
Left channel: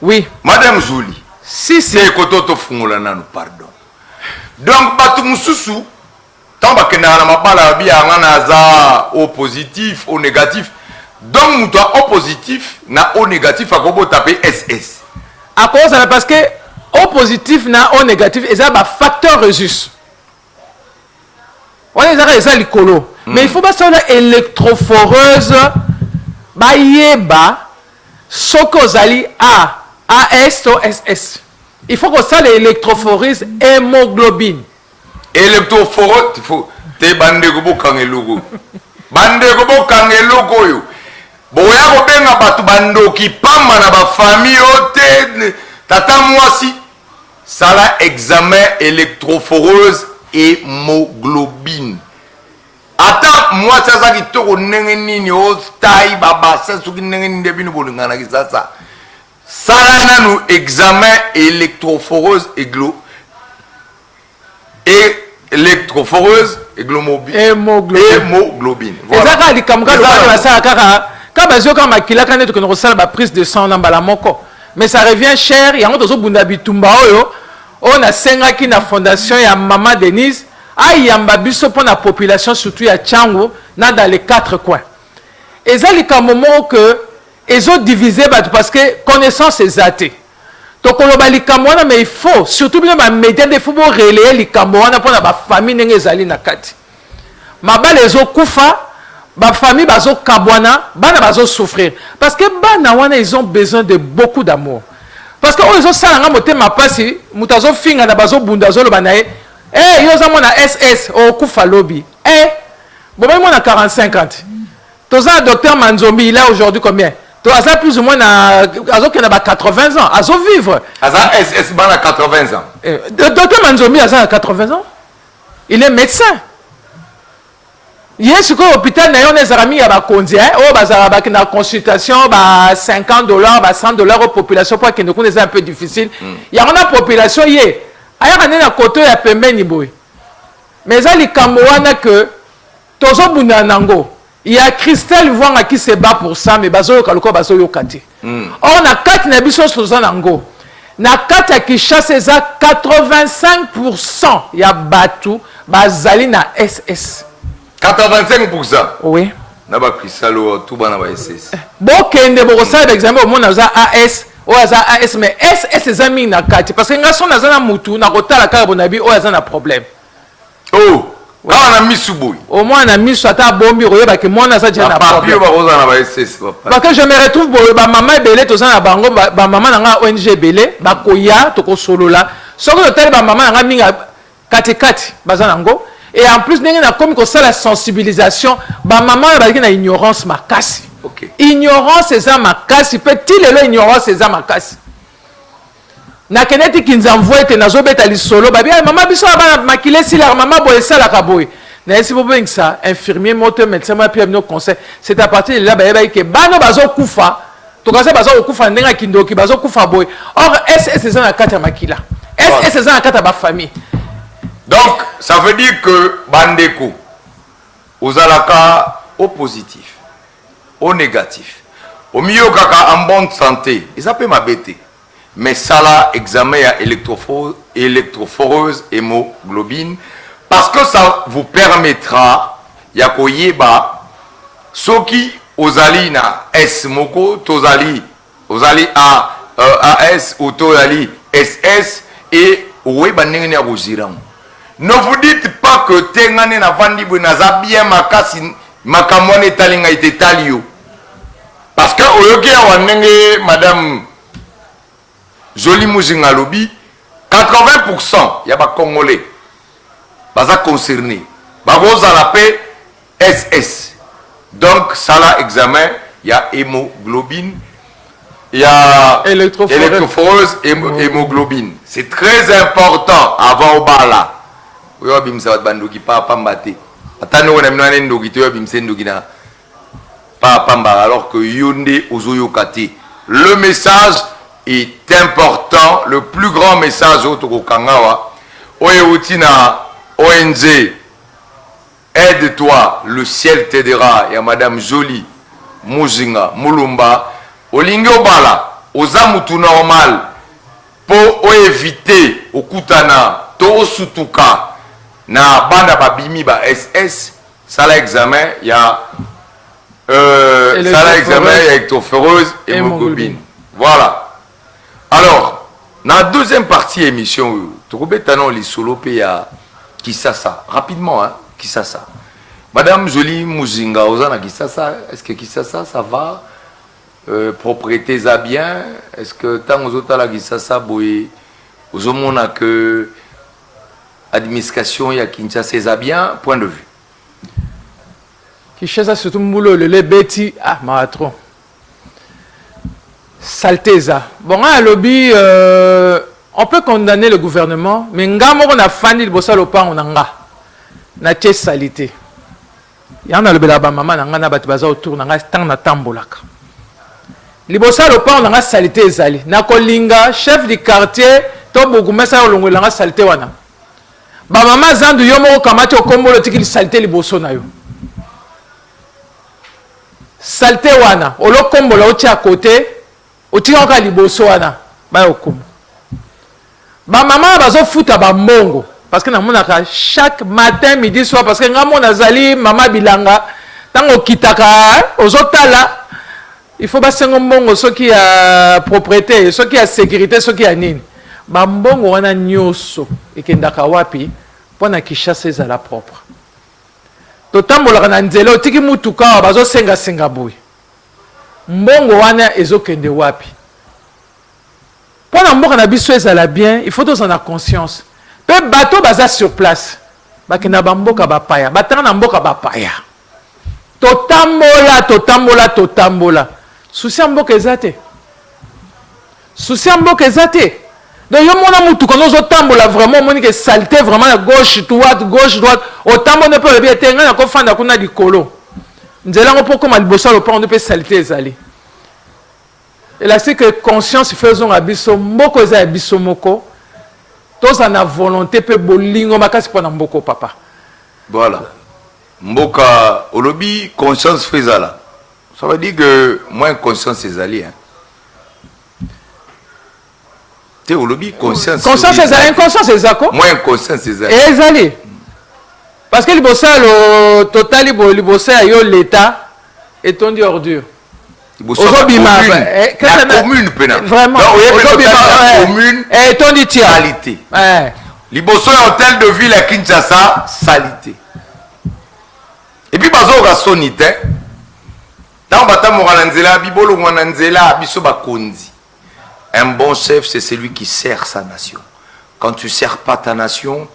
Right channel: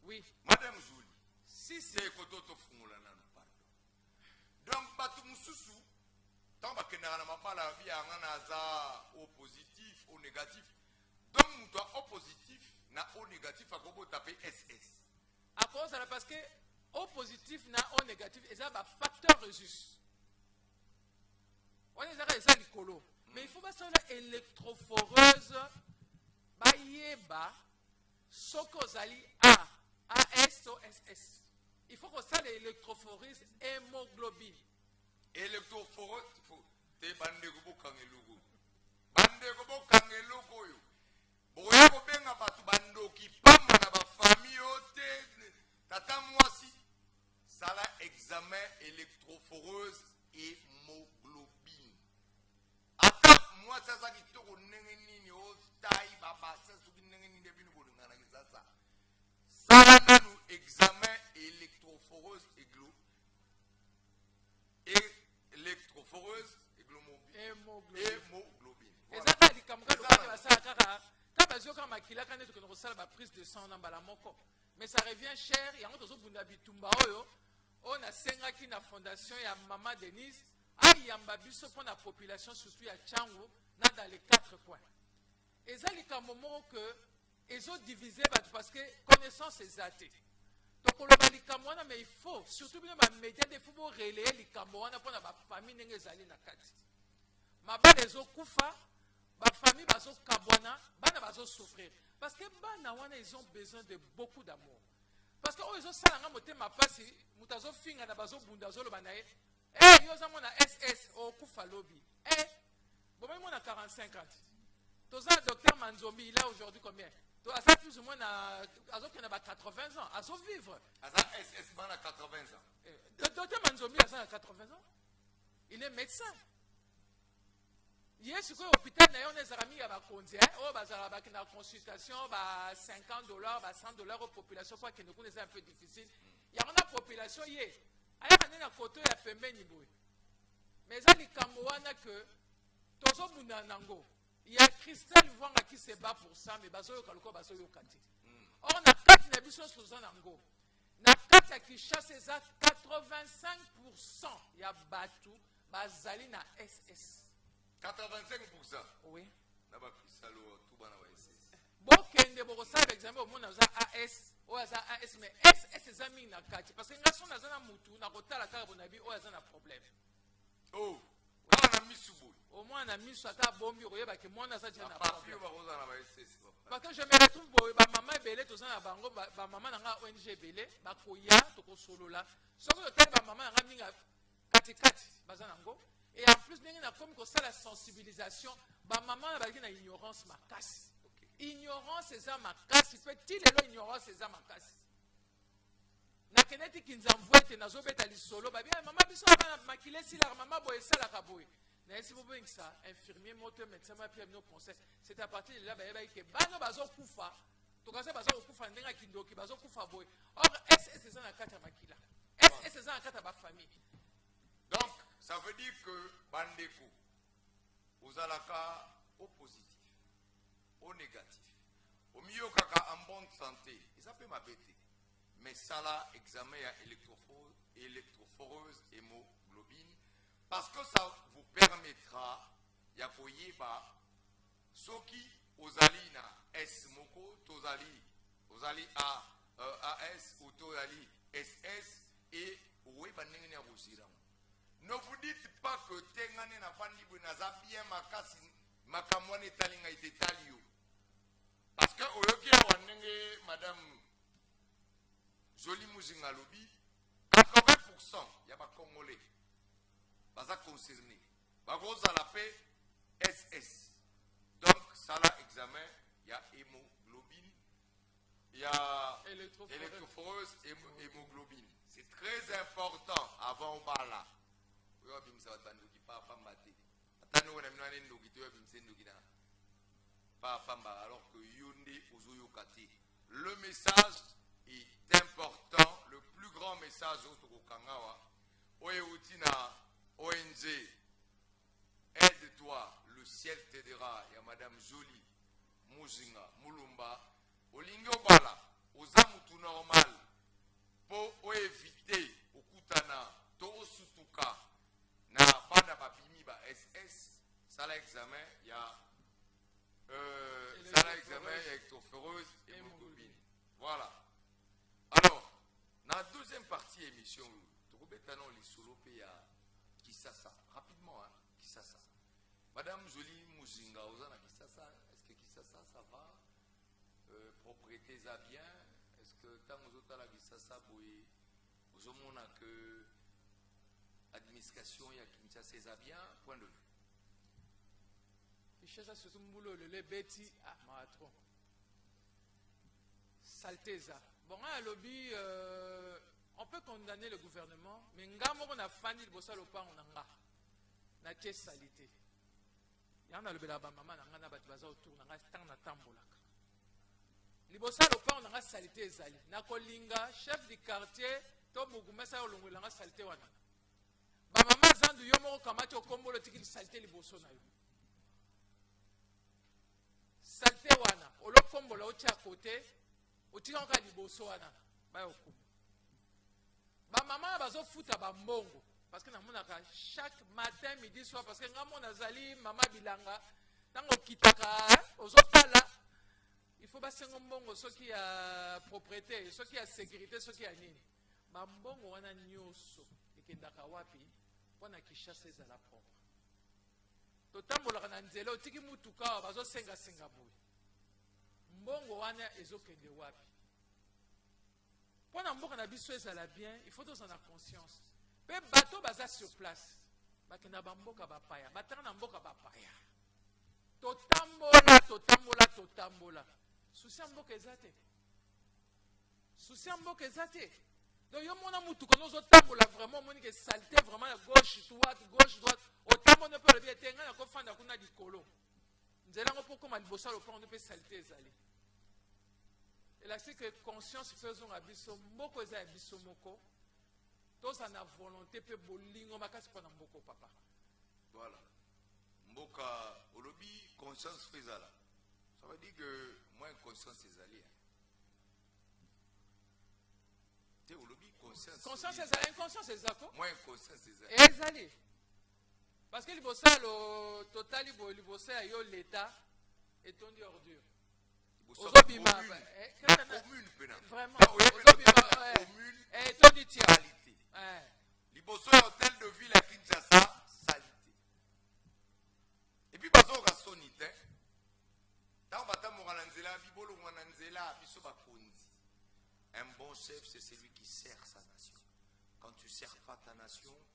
oui Madame Zouli si c'est kototo fungola nanu pardon donc batu mususu tant ba kena na mabala bia ngana za O positif O négatif donc muto O positif na O négatif akobo taper SS à cause parce que O positif na O négatif et ça ba facteur resus. On est à l'écolo. Mais il faut pas ça électrophoreuse. Ba yeba sokozali A, AS ou SS. Il faut que ça l'électrophoreuse hémoglobine. Électrophoreuse, il faut te bande gobo kangelogo. Bande gobo kangelogo yo. Boya ko benga batu bando ki pamba na ba famille ote tata mwasi. Sala examen électrophoreuse hémoglobine. Ata moi ça qui toko nenge nini o tai baba ça suki nenge nini debino bolingana ki ça sala nanu examen électrophoreuse hémoglobine voilà ezaka likamka za ça kaka ka bazio ka makila kana to ko sala ba prise de sang na mbala moko mais ça revient cher yango tozo bunda bitumba oyo on a sengaki na fondation ya Mama Denise ayamba biso pour la population surtout à Tchango dans les 4 coins. Et ça les moment que ils ont divisé parce que connaissance est athée. Donc on va les camona mais il faut surtout bien les médias de football relayer les camona pour la famille n'engezali na kati. Maba les autres kufa ba famille bazo kabwana bana bazo souffrir parce que bana wana ils ont besoin de beaucoup d'amour. Parce que ils ont ça nga motema pasi mutazo finga na bazo bundazo lo banae eh yo za mona SS au kufa lobby eh bon même on a 40-50 toza docteur Manzombi il a aujourd'hui combien toi ça plus ou moins na azo que na ba 80 ans azo vivre aza SS bana 80 ans docteur Manzombi aza 80 ans il est médecin Yes, au hôpital, on a des amis à Kondi, oh, bah, na consultation, bah, $50, bah, $100 aux populations, pour que nous connaissons un peu difficile. Il y a une population, il y a un côté à Pembeni boy. Mais ça, les Camerounais que, tozo bunanango, il y a Christelle Wanga qui se bat pour ça, mais bazo kaluko bazo yokati. Or, na 4 nabisos tozanango. Na 4 à Kinshasa, 85% il y a Batu, bazali na SS. 85%. Oui. Naba Krisalo tout bana ba SS. Bokende bokosala d'examen au monde za AS, o za AS mais SS ezami na kati parce que ngaso na zana mutu na kotala ka bonabi o za na problème. Oh, ka na misuboy. Au moins na misu ata bombi royeba ke mona za jana problème. Papier ba roza na ba SS papa. Parce que je me retrouve ba maman belé to za na bango ba maman na ONG belé ba koya to ko solo la. Soko to tele ba maman na minga kati kati bazana ngo. Et en plus, nous avons comme ça la sensibilisation. Bah maman, elle a une ignorance makasi. Okay. Ignorance c'est ça makasi. Petit le ignorance c'est ça makasi. Na keneti qui nous envoie te nazo beta li solo. Bah bien maman biso ba makile si la maman boye ça la kaboy. Na esi bo ben ça infirmier moteur médecin moi puis nos conseil. C'est à partir de là bah que bano bazo kufa. To kasa bazo kufa ndenga kindoki bazo kufa boy. Or SS c'est ça na kata makila. SS c'est ça na kata ba famille. Donc, ça veut dire que Bandeko, aux alaka au positif, au négatif, au milieu kaka en bonne santé, et ça peut m'abaisser. Mais ça là, examen à électrophoreuse hémoglobine, parce que ça vous permettra, yakoyeba, ceux qui aux alina S moko, tozali A AS ou Tolali SS et oui banengene ya Roziram. Ne vous dites pas que tengane na vandi bunaza bien makasi makamone talinga ite talio. Parce que oyoke ya wanenge madame Jolie Muzinga lobi 80% ya ba congolais baza concerné. Ba goza la paix SS. Donc ça là examen, il y a hémoglobine, il y a électrophoreuse et hémoglobine. C'est très important avant au bala. Oui, bimsa bandoki pa pambate. Atano on amina ndoki to bimse ndoki na pa pamba alors que yonde ozoyokati. Le message est important, le plus grand message au Tokokangawa. Oyeutina ONG aide-toi, le ciel t'aidera. Il y a Madame Jolie Muzinga Mulumba. Olingo bala, ozamutu normal pour éviter okutana to sutuka na banda babimi ba SS. Ça l'examen, il y a électrophoreuse et hémoglobine. Voilà. Alors, dans la deuxième partie émission, tu as les solo ya Kisasa. Rapidement, hein, Kisasa. Madame Jolie Muzinga, Ozana Kisasa, est-ce que Kisasa, ça va? Propriété à bien? Est-ce que tant aux autres la Kisasa, boy, aux hommes a que administration, il y a Kinshasa, ça bien? Point de vue. Kinshasa, surtout Moulo, le Betty, ah, Maratron. Salteza. Bon, à lobby, on peut condamner le gouvernement, mais ngamo on a fani le bossa lopa on anga. Na tche salité. Yana le belaba maman nanga na batibaza autour nanga tang na tambolaka. Le bossa lopa on anga salité ezali. Na kolinga chef du quartier to bogumesa olongo langa salité wana. Ba maman zandu yomo kamati okombo lo tiki salité le bosso na yo. Salité wana, olo kombo la oti à côté. Otika liboso wana ba okumu ba maman bazo futa ba mbongo parce que na monaka chaque matin midi soir parce que ngamo nazali mama bilanga tango kitaka ozotala il faut ba sengo mbongo soki ya propriété soki ya sécurité soki ya nini ba mbongo wana nyoso ekendaka wapi pona Kinshasa ezala propre totambola na nzela otiki mutuka bazo senga boy mbongo wana ezokende wapi pona mboka na biso ezala bien il faut tous en avoir conscience pe bateau baza sur place bakenda bamboka bapaya batanga na mboka bapaya totambola souci mboka ezate donc yo mona mutu kono zotambola vraiment moni que saleté vraiment à gauche droite otambola pe le bien tenga na ko fanda kuna likolo nzela ngo poko malibosa lo pa on peut saleté ezali et là c'est que conscience faisons abiso mboko za abiso moko tous en a volonté pe bolingo makasi pona mboko papa voilà mboka olobi conscience faisala ça veut dire que moins conscience ezali hein te olobi conscience ezali inconscience ezako moins conscience ezali parce que libosa lo total libosa yo l'état et ton dit ordure la commune vraiment commune et ton dit salité libosa hôtel de ville à Kinshasa salité et puis bazo rasonite dans bata moranzela bibolo moranzela biso bakonzi. Un bon chef c'est celui qui sert sa nation. Quand tu sers pas ta nation,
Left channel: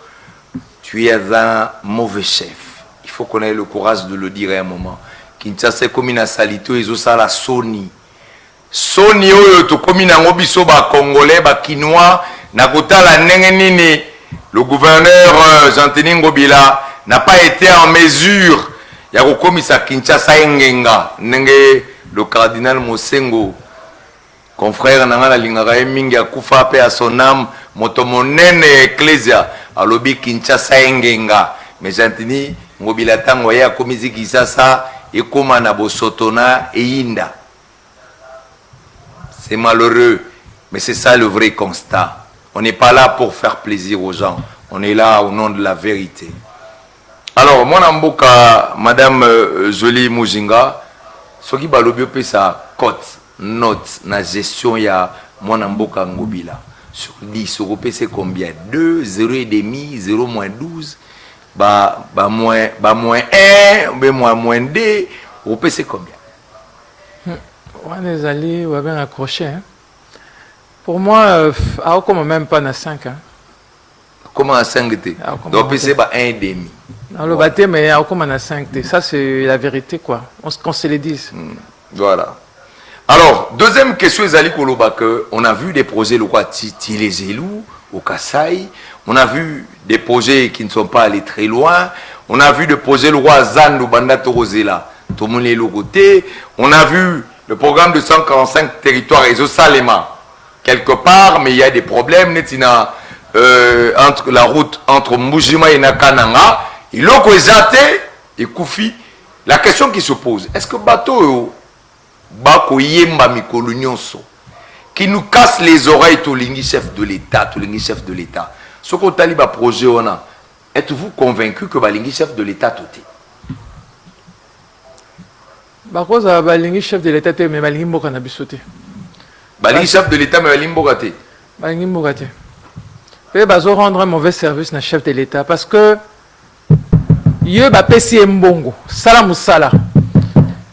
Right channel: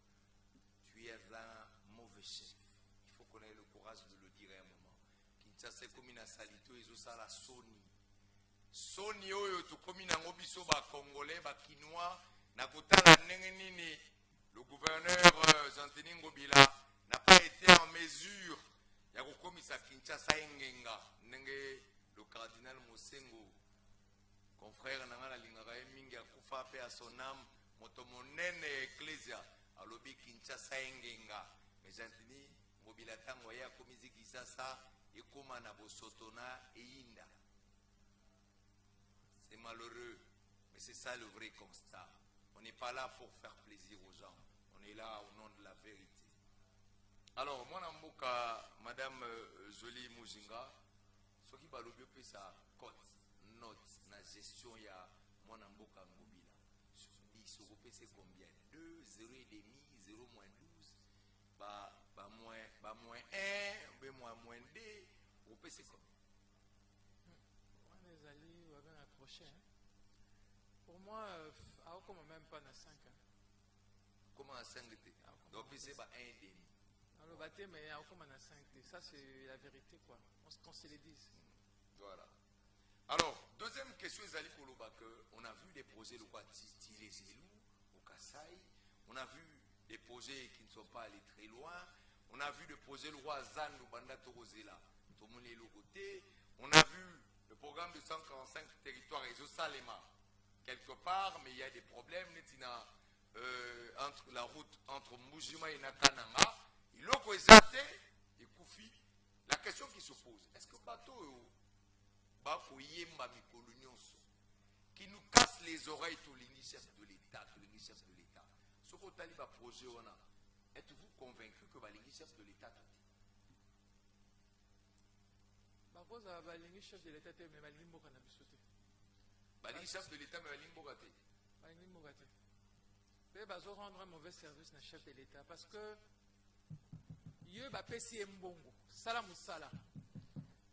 tu es un mauvais chef. Il faut qu'on ait le courage de le dire à un moment. Kinshasa comme une salité ils ont ça la Sony oyo to comme na ngobiso ba congolais ba kinois na kota la nene le gouverneur Jean-Denis Ngobila n'a pas été en mesure ya kokomisa Kinshasa engenga nenge le cardinal Mosengo confrère nanga la lingaka mingi akufa pe à son âme moto monene ecclesia alobi Kinshasa engenga mais Jean-Denis Ngobila tango ya komisi Kinshasa et comme na bosotona et inda. C'est malheureux, mais c'est ça le vrai constat. On n'est pas là pour faire plaisir aux gens, on est là au nom de la vérité. Alors, moi namboka madame Jolie Muzinga, ce qui balobi pe sa cote note na gestion ya mwana mboka ngobila sur 10 opesa combien 2 0,5 0 moins 12 ba moins 1 ou moins 2 opesa combien? On est allés ou bien accroché. Hein? Pour moi, comme même pas na 5. Hein? Comment à 5 t? Donc opesa ba 1,5. Dans le bâtiment, mais comme on a 5 t. Ça c'est la vérité quoi. Qu'on se le dise. Voilà. Alors, deuxième question, on a vu des projets les élus au Kasaï, on a vu des projets qui ne sont pas allés très loin, on a vu des projets le roi Zandu Banda Torozela, tout le monde est le côté, on a vu le programme de 145 territoires et Salema, quelque part, mais il y a des problèmes, entre la route entre Mujima et Nakananga, et l'autre et Koufi. La question qui se pose, est-ce que bateau Bako Yemba Mikolo Nyonso qui nous casse les oreilles tout l'ingé chef de l'État, ce qu'on t'a dit projet on a, êtes-vous convaincu que l'ingé chef de l'État tout est? Bako za l'ingé chef de l'État mais l'ingé mboka na bisoté. L'ingé chef de l'État mais l'ingé mboka te. L'ingé mboka te. Et bazo rendre un mauvais service na chef de l'État parce que Yo ba pesi mbongo, sala musala.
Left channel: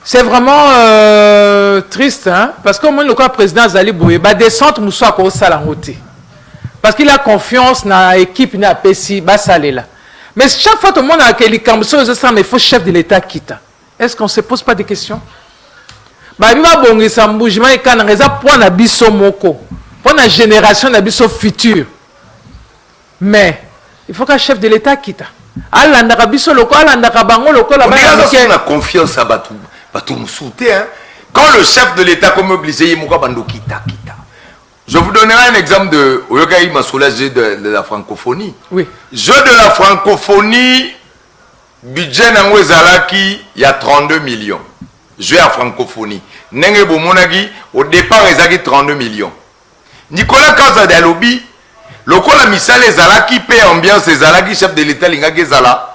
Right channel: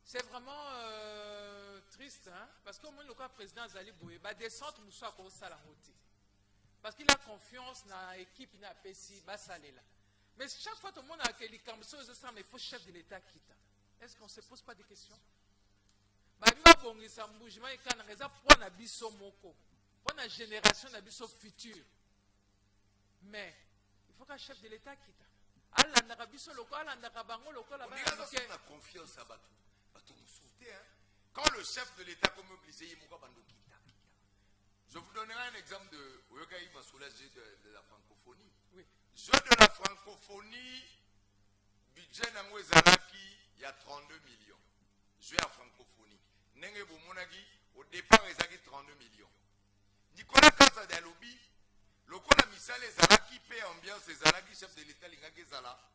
C'est vraiment triste, hein? Parce que moi, le président Zali Boué, bah descente moussa ko sala ngote. Parce qu'il a confiance dans l'équipe na pesi ba salé là. Mais chaque fois tout le monde a quel camso ça mais faut chef de l'État quitte. Est-ce qu'on se pose pas des questions? Bah biba bongi sa mbujima et kana reza pour na biso moko, pour na génération na biso future. Mais il faut qu'un chef de l'État quitte. On a confiance à Batou Moussouté. Quand le chef de l'État comme obligé, je vous donnerai un exemple de de la francophonie. Oui. Jeu de la francophonie, budget Nangwezalaki, il y a 32 millions. Jeu à francophonie. Nenge Bomonagi, au départ, il y a 32 millions. Nicolas Kazadalobi, le la misale Zalaki paie ambiance Zalaki chef de l'État lingaki Zala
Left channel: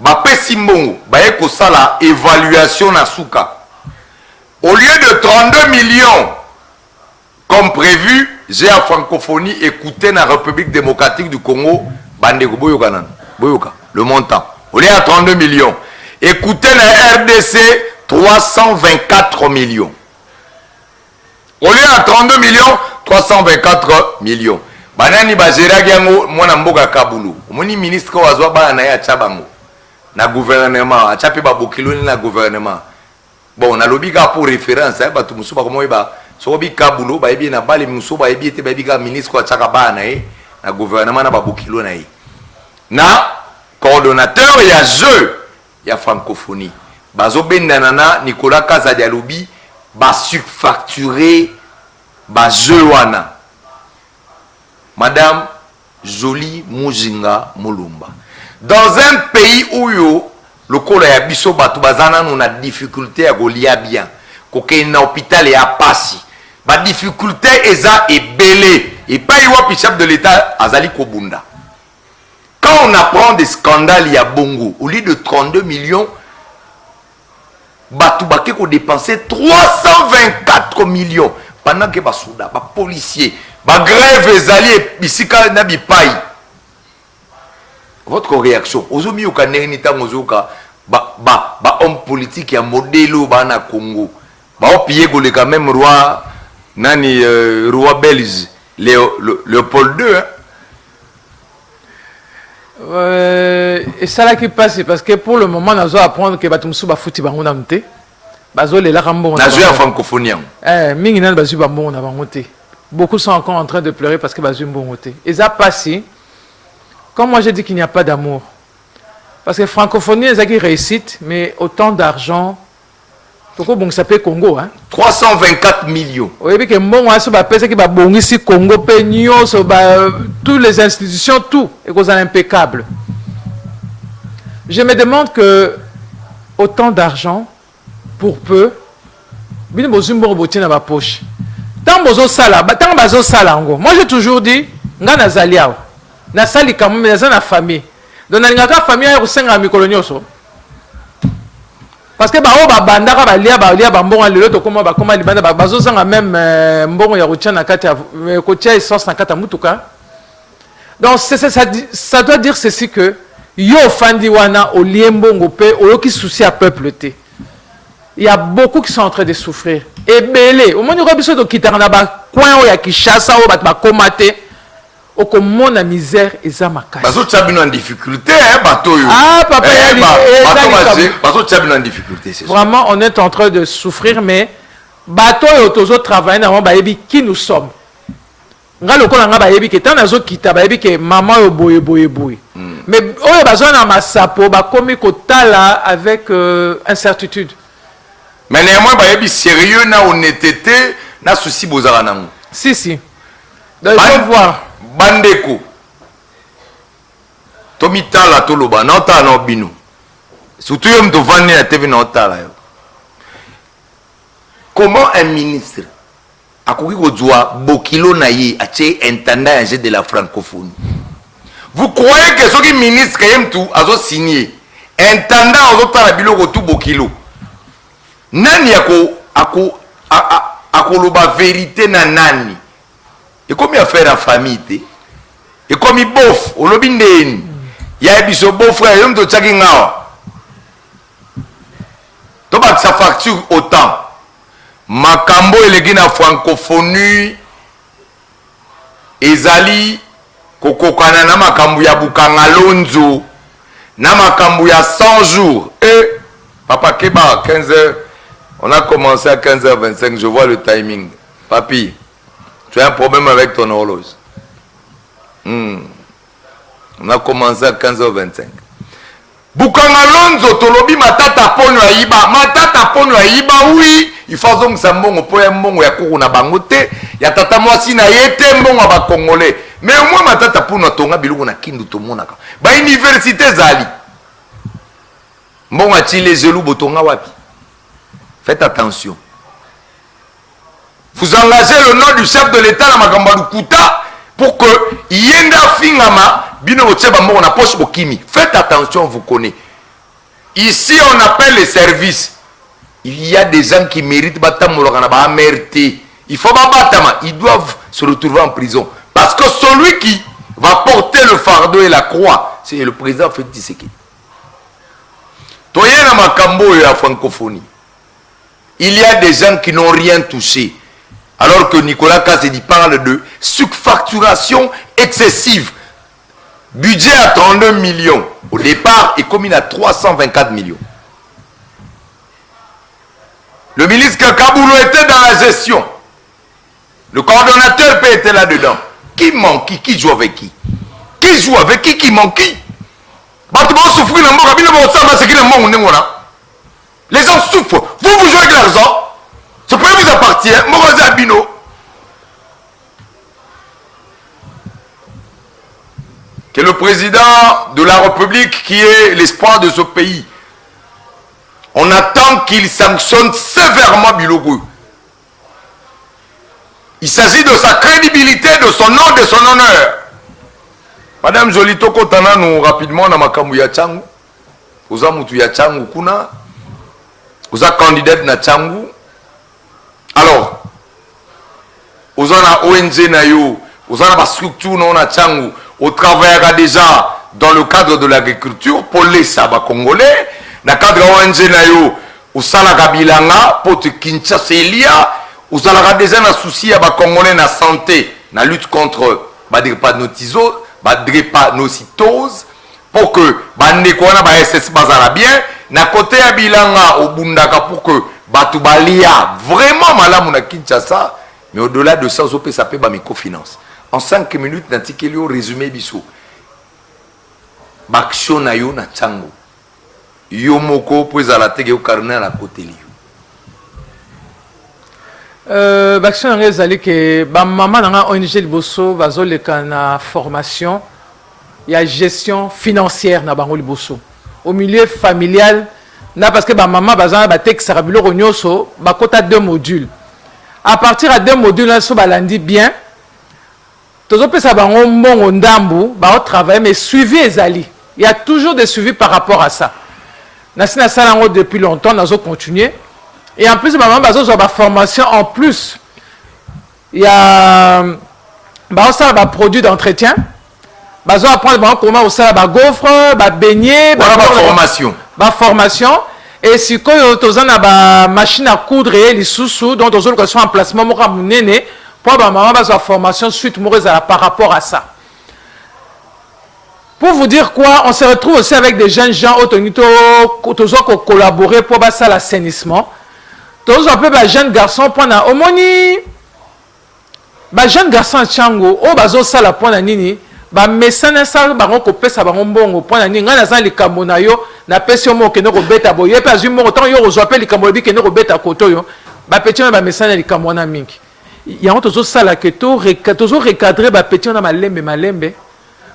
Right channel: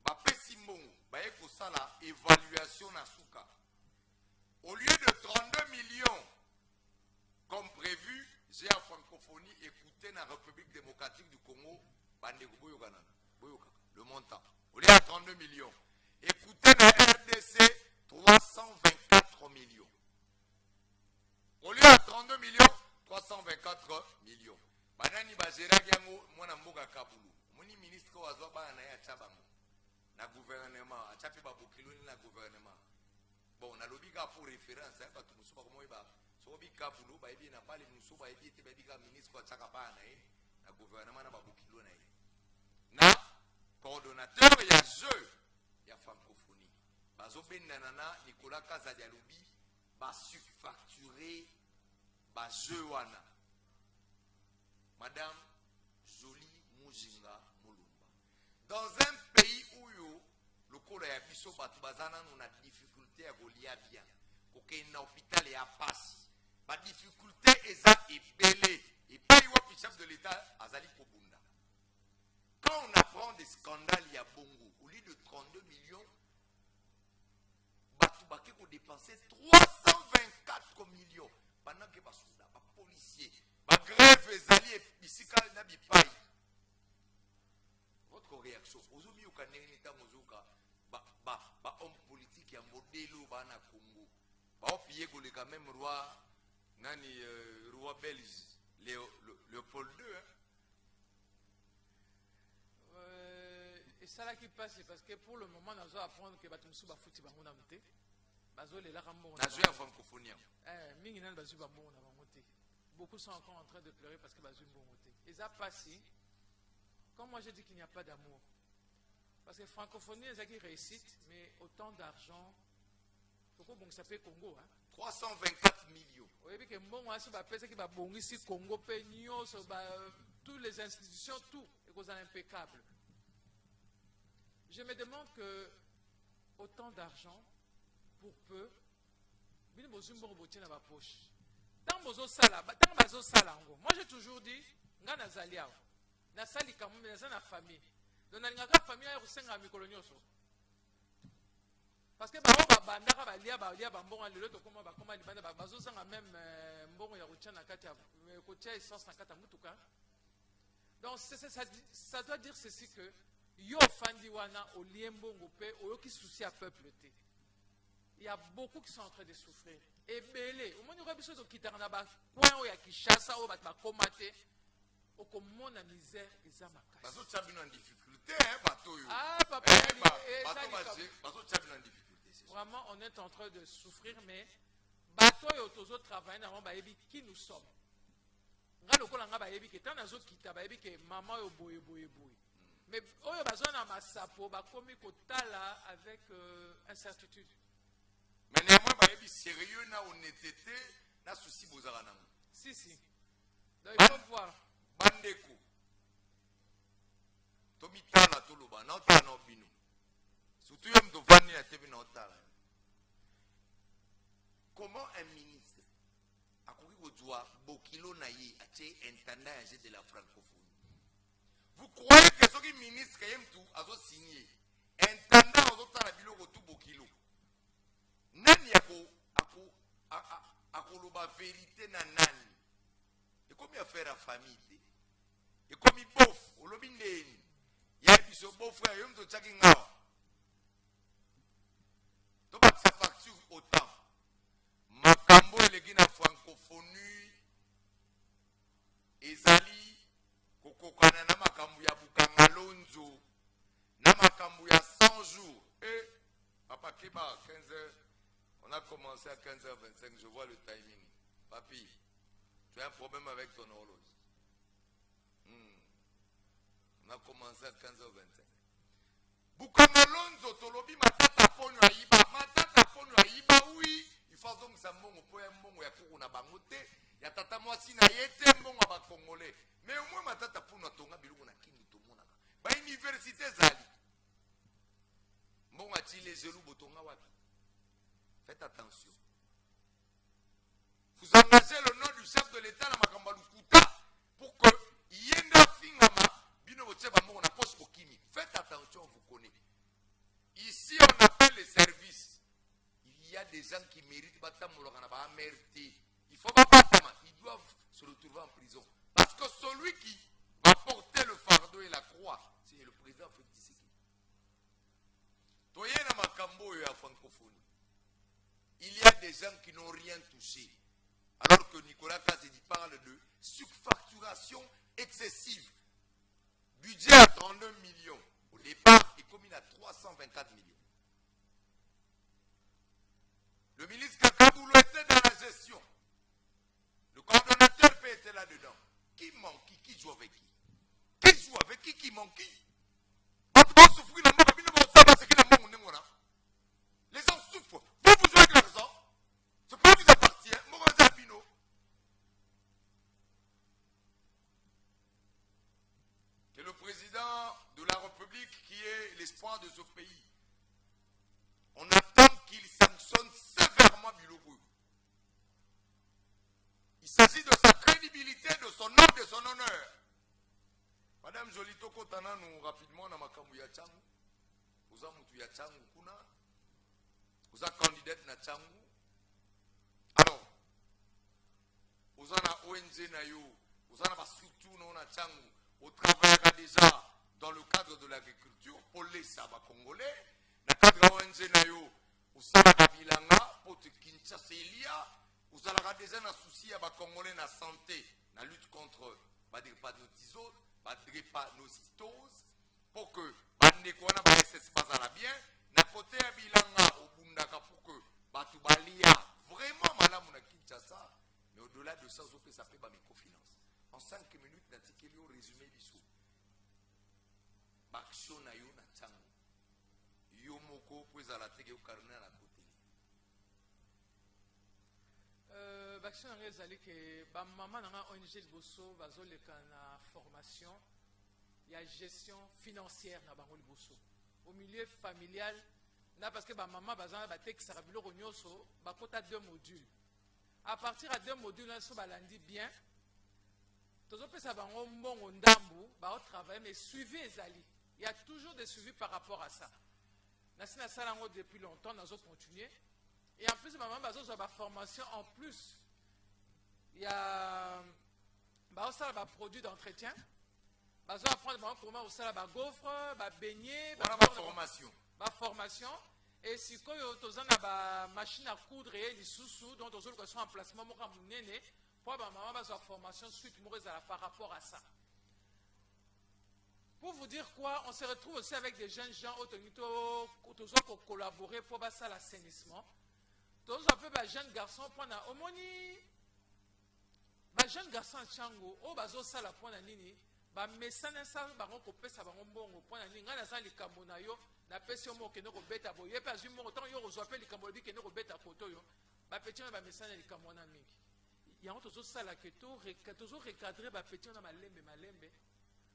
ba pesimbongo ba eko sala évaluation na souka au lieu de 32 millions comme prévu j'ai à francophonie écouté na République démocratique du Congo bandeko boyoka le montant au lieu de 32 millions écoutez na RDC 324 millions au lieu de 32 millions 324 millions. Banani bazera giango mwana mboka kabulu. Omoni ministre wazwa bana na ya chabango. Na gouvernement, achape ba bokiloni na gouvernement. Bon, na lobika pour référence, ba tu musuba komo ba so bi kabulu ba ebi na bali musuba ebi ete ba ebi ka ministre wa chaka bana na gouvernement na ba bokilo na na coordonnateur ya jeu ya francophonie. Bazo bendana na Nicolas Kazadialobi ba surfacturé ba jeu wana. Madame Jolie Mujinga Mulumba. Dans un pays où le col ya biso batu bazana on a difficulté à golia bien. Koke na hôpital et à passi. Ba difficulté eza et belé et pas y chef de l'État azali kobunda. Quand on apprend des scandales il y a bongo au lieu de 32 millions batu baké ko dépenser 324 millions pendant que ba souda ba policier ba grève ezali bisika na bipai. Votre réaction ozomi okaneni tango zoka ba homme politique ya modèle ba na Congo ba opié goleka même roi nani roi belge Léopold II et ça là qui passe parce que pour le moment on doit apprendre que batumsu ba futi bango na mté bazo le la rambo na jeu francophonie mingi na bazu ba mbongo na bango te. Beaucoup sont encore en train de pleurer parce que bazu mbongo te. Et ça passé comme moi j'ai dit qu'il n'y a pas d'amour parce que francophonie c'est qui réussite mais autant d'argent pourquoi bon ça peut Congo hein 324 millions. Oui mais que mbongo aso ba pesa ki ba bongisi Congo pe nyonso ba toutes les institutions tout et cause impeccable. Je me demande que autant d'argent pour peu bino bozumbo botie na ba poche. Tant bozo sala, tant bazo sala ngo. Moi j'ai toujours dit nga nazali awa. Na sali quand même na famille. Donc na ngaka famille ya kusenga mikolo nyoso. parce que bandaka balia bambongo lelo tokoma bakoma libanda bazozanga même mbongo ya kotia na kati ya kotia essence na kati ya mutuka. Donc ça doit dire ceci que yo fandi wana oliembongo pe oyoki souci à peuple te. Il y a beaucoup qui sont en train de souffrir. Et belé, au moins nous avons de quitter na ba coin o ya Kinshasa o ba komate o comme la misère eza makasi. Bazo tchabino en difficulté hein bato yo. Ah papa bazo tchabino en difficulté c'est ça. Vraiment on est en train de souffrir mais bato yo tozo travailler na ba yebi qui nous sommes. Nga lokola nga ba yebi ke tant nazo kita ba yebi ke maman yo boye. Mais oyo bazo na masapo ba komi kotala avec incertitude. Mais néanmoins, il y a sérieux, na honnêteté, na souci bozara nango. Si. Donc, il faut voir. Bandeko. Tomita la toloba, na ota na bino. Surtout yom to vandi na TV na ota la yo. Comment un ministre akoki kozwa bokilo na ye atie intendant de la francophonie? Vous croyez que ce ministre kayem tout azo signé intendant azo tala biloko tout bokilo? Nani akoloba vérité na nani? Et comme il a fait la famille, et comme il bof, on lobi ndeni. Il y a biso beau frère, yom to tchaki ngawa. To ba sa facture autant. Makambo elegi na francophonie ezali kokokana na makambo ya bukanga lonzo na makambo ya 100 jours. Et papa Keba 15h. On a commencé à 15h25, je vois le timing. Papi, tu as un problème avec ton horloge. On a commencé à 15h25. Bukanga Lonzo, tolobi matata pono aiba. Matata pono aiba, oui. Il faut donc ça mbongo po mbongo ya kuru na bangote. Ya tata mwasi na yete mbongo ba congolais. Mais au moins matata pono tonga biloko na kindu to monaka. Ba université zali. Mbongo atile zelou botonga wapi. Faites attention. Vous engagez le nom du chef de l'État dans Makambalu Kuta pour que Yenda Fingama bino ocheba mo na poche bokimi. Faites attention, vous connaissez. Ici on appelle les services. Il y a des gens qui méritent batamolokana ba amerté. Il faut pas batama, ils doivent se retrouver en prison parce que celui qui va porter le fardeau et la croix, c'est le président Félix Tshisekedi. Toyena makambo ya francophonie. Il y a des gens qui n'ont rien touché. Alors que Nicolas Kassedi parle de surfacturation excessive. Budget à 32 millions. Au départ, est commis à 324 millions. Le ministre Kakaboulou était dans la gestion. Le coordonnateur P était là-dedans. Qui manque? Qui joue avec qui? Qui joue avec qui? Qui manque qui? Les gens souffrent. Vous jouez avec l'argent. Ce pays vous appartient. Morosa Bino. Que le président de la République, qui est l'espoir de ce pays, on attend qu'il sanctionne sévèrement Bilogou. Il s'agit de sa crédibilité, de son nom, de son honneur. Madame Jolito Kotana, nous rapidement, dans Makamu Yachangu. Oza Moutou Yachangu Kuna. Oza candidate na Changu. Alors, oza na ONG na yo, oza na ba structure na Changu, on travaillera déjà dans le cadre de l'agriculture pour les Saba Congolais. Dans le cadre de l'ONG na yo, osala kabilanga pour te Kinshasa Elia, osala déjà na souci à ba Congolais na santé, na lutte contre ba drépanocytose pour que ba ndeko na ba SS bazala bien. Na côté ya bilanga au Bundaka pour que Batubalia vraiment malamu na Kinshasa, mais au-delà de ça, ça peut ba microfinance. En 5 minutes, natikeli au résumé biso. Baksho na yo na Chango. Yo moko pour la tege au carnet à la côté li. Baksho na ngezali ke ba mama na ONG liboso bazo leka na formation ya gestion financière na bango liboso. Au milieu familial, parce que ma maman bazana ba tek sarabilo ronyoso ba kota 2 modules. À partir de 2 modules là so balandi bien. Tozo pesa bango mbongo ndambu ba travailler mais suivi ezali. Il y a toujours des suivis par rapport à ça. Nasina Salango depuis longtemps, nous continué. Et en plus, maman, nous avons formation en plus. Il y a un produit d'entretien. Nous allons apprendre comment on fait des gaufres, des beignets. Formation. Formation. Et si vous avez une machine à coudre et les sous-sous, donc vous avez un emplacement pour maman, une formation suite par rapport à ça. Pour vous dire quoi, on se retrouve aussi avec des jeunes gens qui ont collaboré pour l'assainissement. Tous un peu des jeunes garçons pendant omoni. Des jeunes garçons Tchango, au bazo sala pendant nini. Ba mesana sa bango ko pesa bango mbongo pendant nini ngana za likambo na yo na pesi mo ke no ko beta boye pa zimo autant yo zo appelle likambo bi ke no ko beta koto yo. Ba petit ba mesana likambo na mingi. Ya on tozo sala ke to tozo recadrer ba petit na malembe.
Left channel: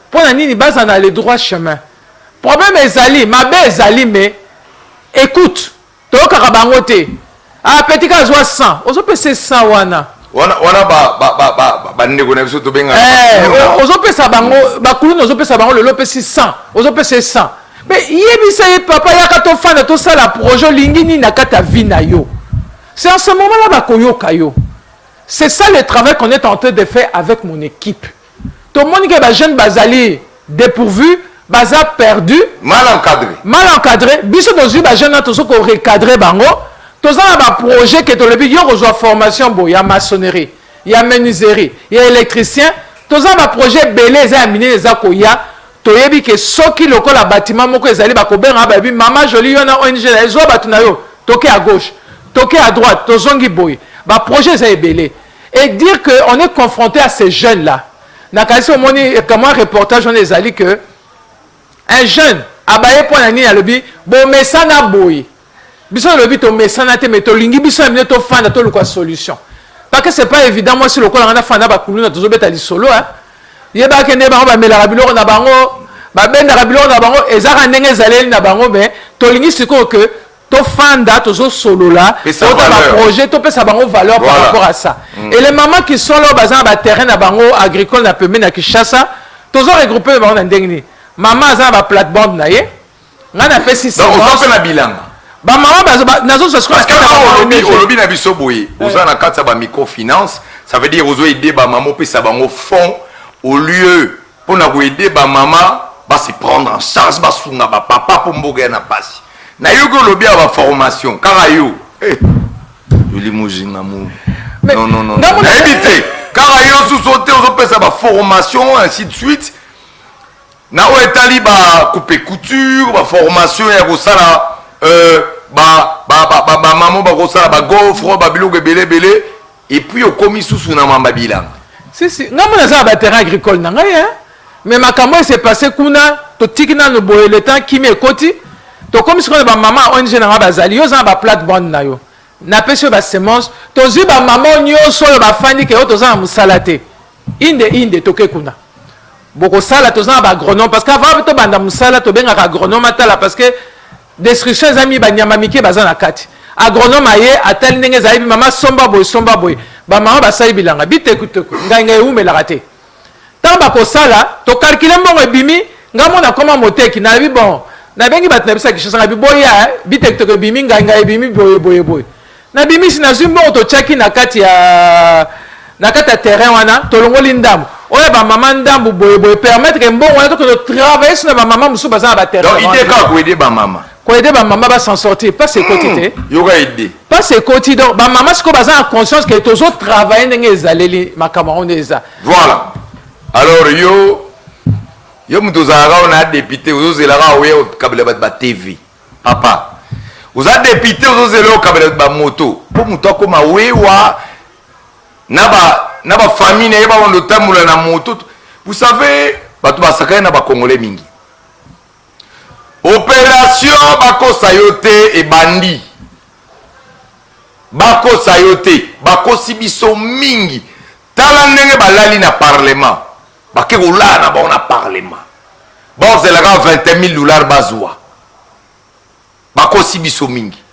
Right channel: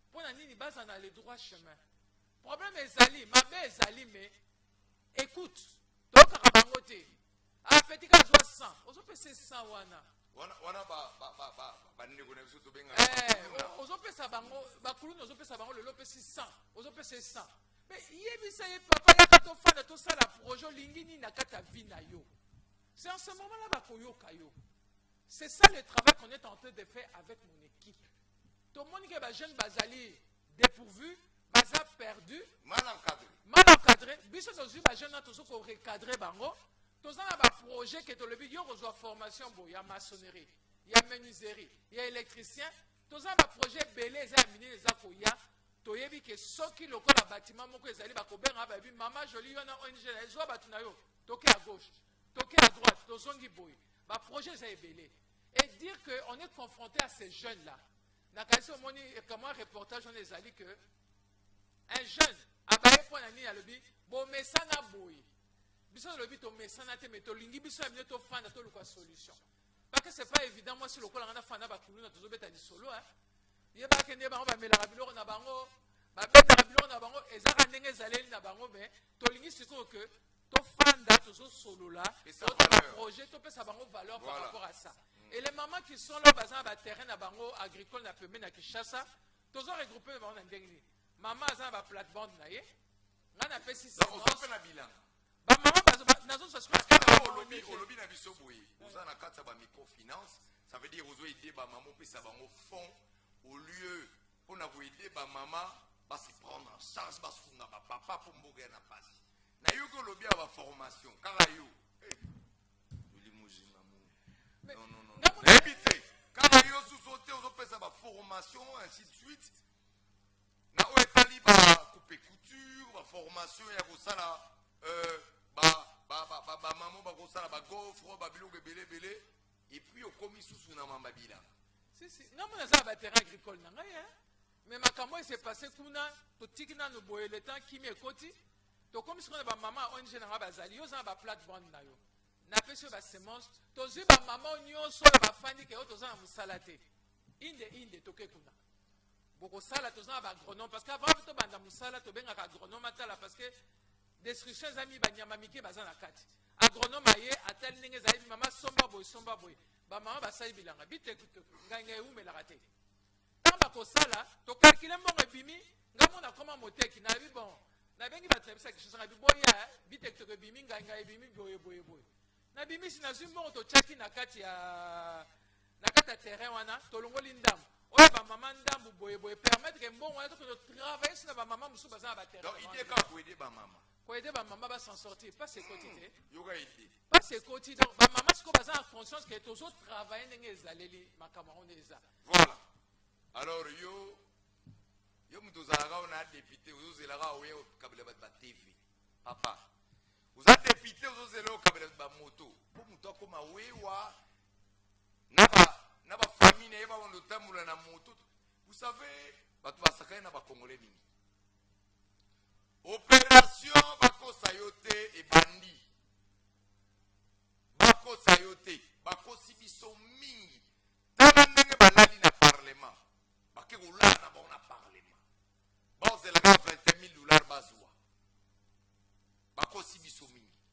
Pendant nini basa na le droit chemin. Problème ezali, mabe ezali mais écoute, to karabango te. Ah, petit cas, 100. On peut se 100 wana. Wana ndeko na biso to benga. On peut ça bango, ba kulu on peut ça bango le lope 600. On peut se 100. Mais yebisa papa ya ka to fana to ça la projet lingini na kata vina yo. C'est en ce moment-là ba koyoka yo. C'est ça le travail qu'on est en train de faire avec mon équipe. Tout le monde qui est jeune bazali dépourvu, baza perdu, mal encadré. Mal encadré. Biso dans une jeune to so ko recadrer bango. Tous les projets qui ont besoin de formation, il y a maçonnerie, il y a menuiserie, il y a électricien. Tous les projets belés, ils ont miné les akoya. Tu as vu que ceux qui ont le bâtiment, ils ont maman jolie, il y a ONG, ils ont toqué à gauche, toqué à droite, tous les boy. Les projets sont belés. Et dire qu'on est confronté à ces jeunes-là. Comme un reportage, on est allé que un jeune, abaye pour la nuit, il a dit, bon, mais ça n'a boy. Biso le but au mesanate mais to lingi biso amine to fanda to le solution parce que c'est pas évident moi si le ko na fanda ba kuluna to zobeta li solo hein yeba kende ba ba mela rabilo na bango ba benda rabilo na bango ezaka ndenge zaleli na bango mais to lingi siko que to fanda to zo solo là to ba projet to pesa bango valeur par rapport à ça et les mamans qui sont là bazan ba terrain na bango agricole na pembe na Kinshasa to zo regrouper ba na ndenge ni maman za ba plate-bande na ye ngana pesi donc on fait la bilan. Parce que au lobby na biso boye oza na kati ba microfinance ça veut dire ozo aider ba maman pe ça bango fond au lieu pour na aider ba maman ba se prendre en charge ba sunga ba papa pour mboga na pasi na yo ko lobby ba formation kara yo yo limousinga mu non éviter kara yo sous sauter ozo pe ça ba formation ainsi de suite na o etali ba couper couture ba formation ya ko sala maman ba kosala ba gaufre ba biloko belé et puis au commis sous na mamba bilan si ngamo na za ba terrain agricole na ngai hein mais makambo s'est passé kuna to tikina no boye le temps qui me koti to comme si ba maman ONG na ba zali yo za ba plate-bande na yo na pese ba semence to zi ba maman nyonso ba fandi ke to za musalate inde to ke kuna boko sala to za ba agronome parce qu'avant to banda musala to benga agronome atala parce que destruction zami ba nyama mike bazana kati agronome aye atal ndenge zaibi mama somba boy ba mama ba sai bilanga bitekuteko ngai umela raté tant ba ko sala to calculer mbongo ebimi ngamo na koma moteki na bi bon na bengi bat na bisa kishasa bi boya bitekuteko ebimi ngai ebimi boy na bimi sina zumbo to chaki na kati ya terrain wana to longoli ndambu oya ba mama ndambu boy permettre que mbongo wana to travailler sur ba mama musu bazana ba terrain donc idée ka ko aider ba mama ko aider ba maman va s'en sortir pas ses quotités yoga aider pas ses quotités donc ba maman ce ko baza en conscience que tous autres travailler ndenge ezaleli makamaro ndeza voilà alors yo mutozara on a député ozozelaka oye kabela ba TV papa oza député ozozela kabela ba moto po muto akoma wewa na ba famille na yeba on tamula na moto vous savez bato basakana na ba congolais mingi. Opération Bako Sayote et Bandi. Bako Sayote, Bako Sibiso Mingi. Talandenge balali na parlement. Bake oula na ba na parlement. Bon c'est là $20,000 bazwa. Bako Sibiso Mingi.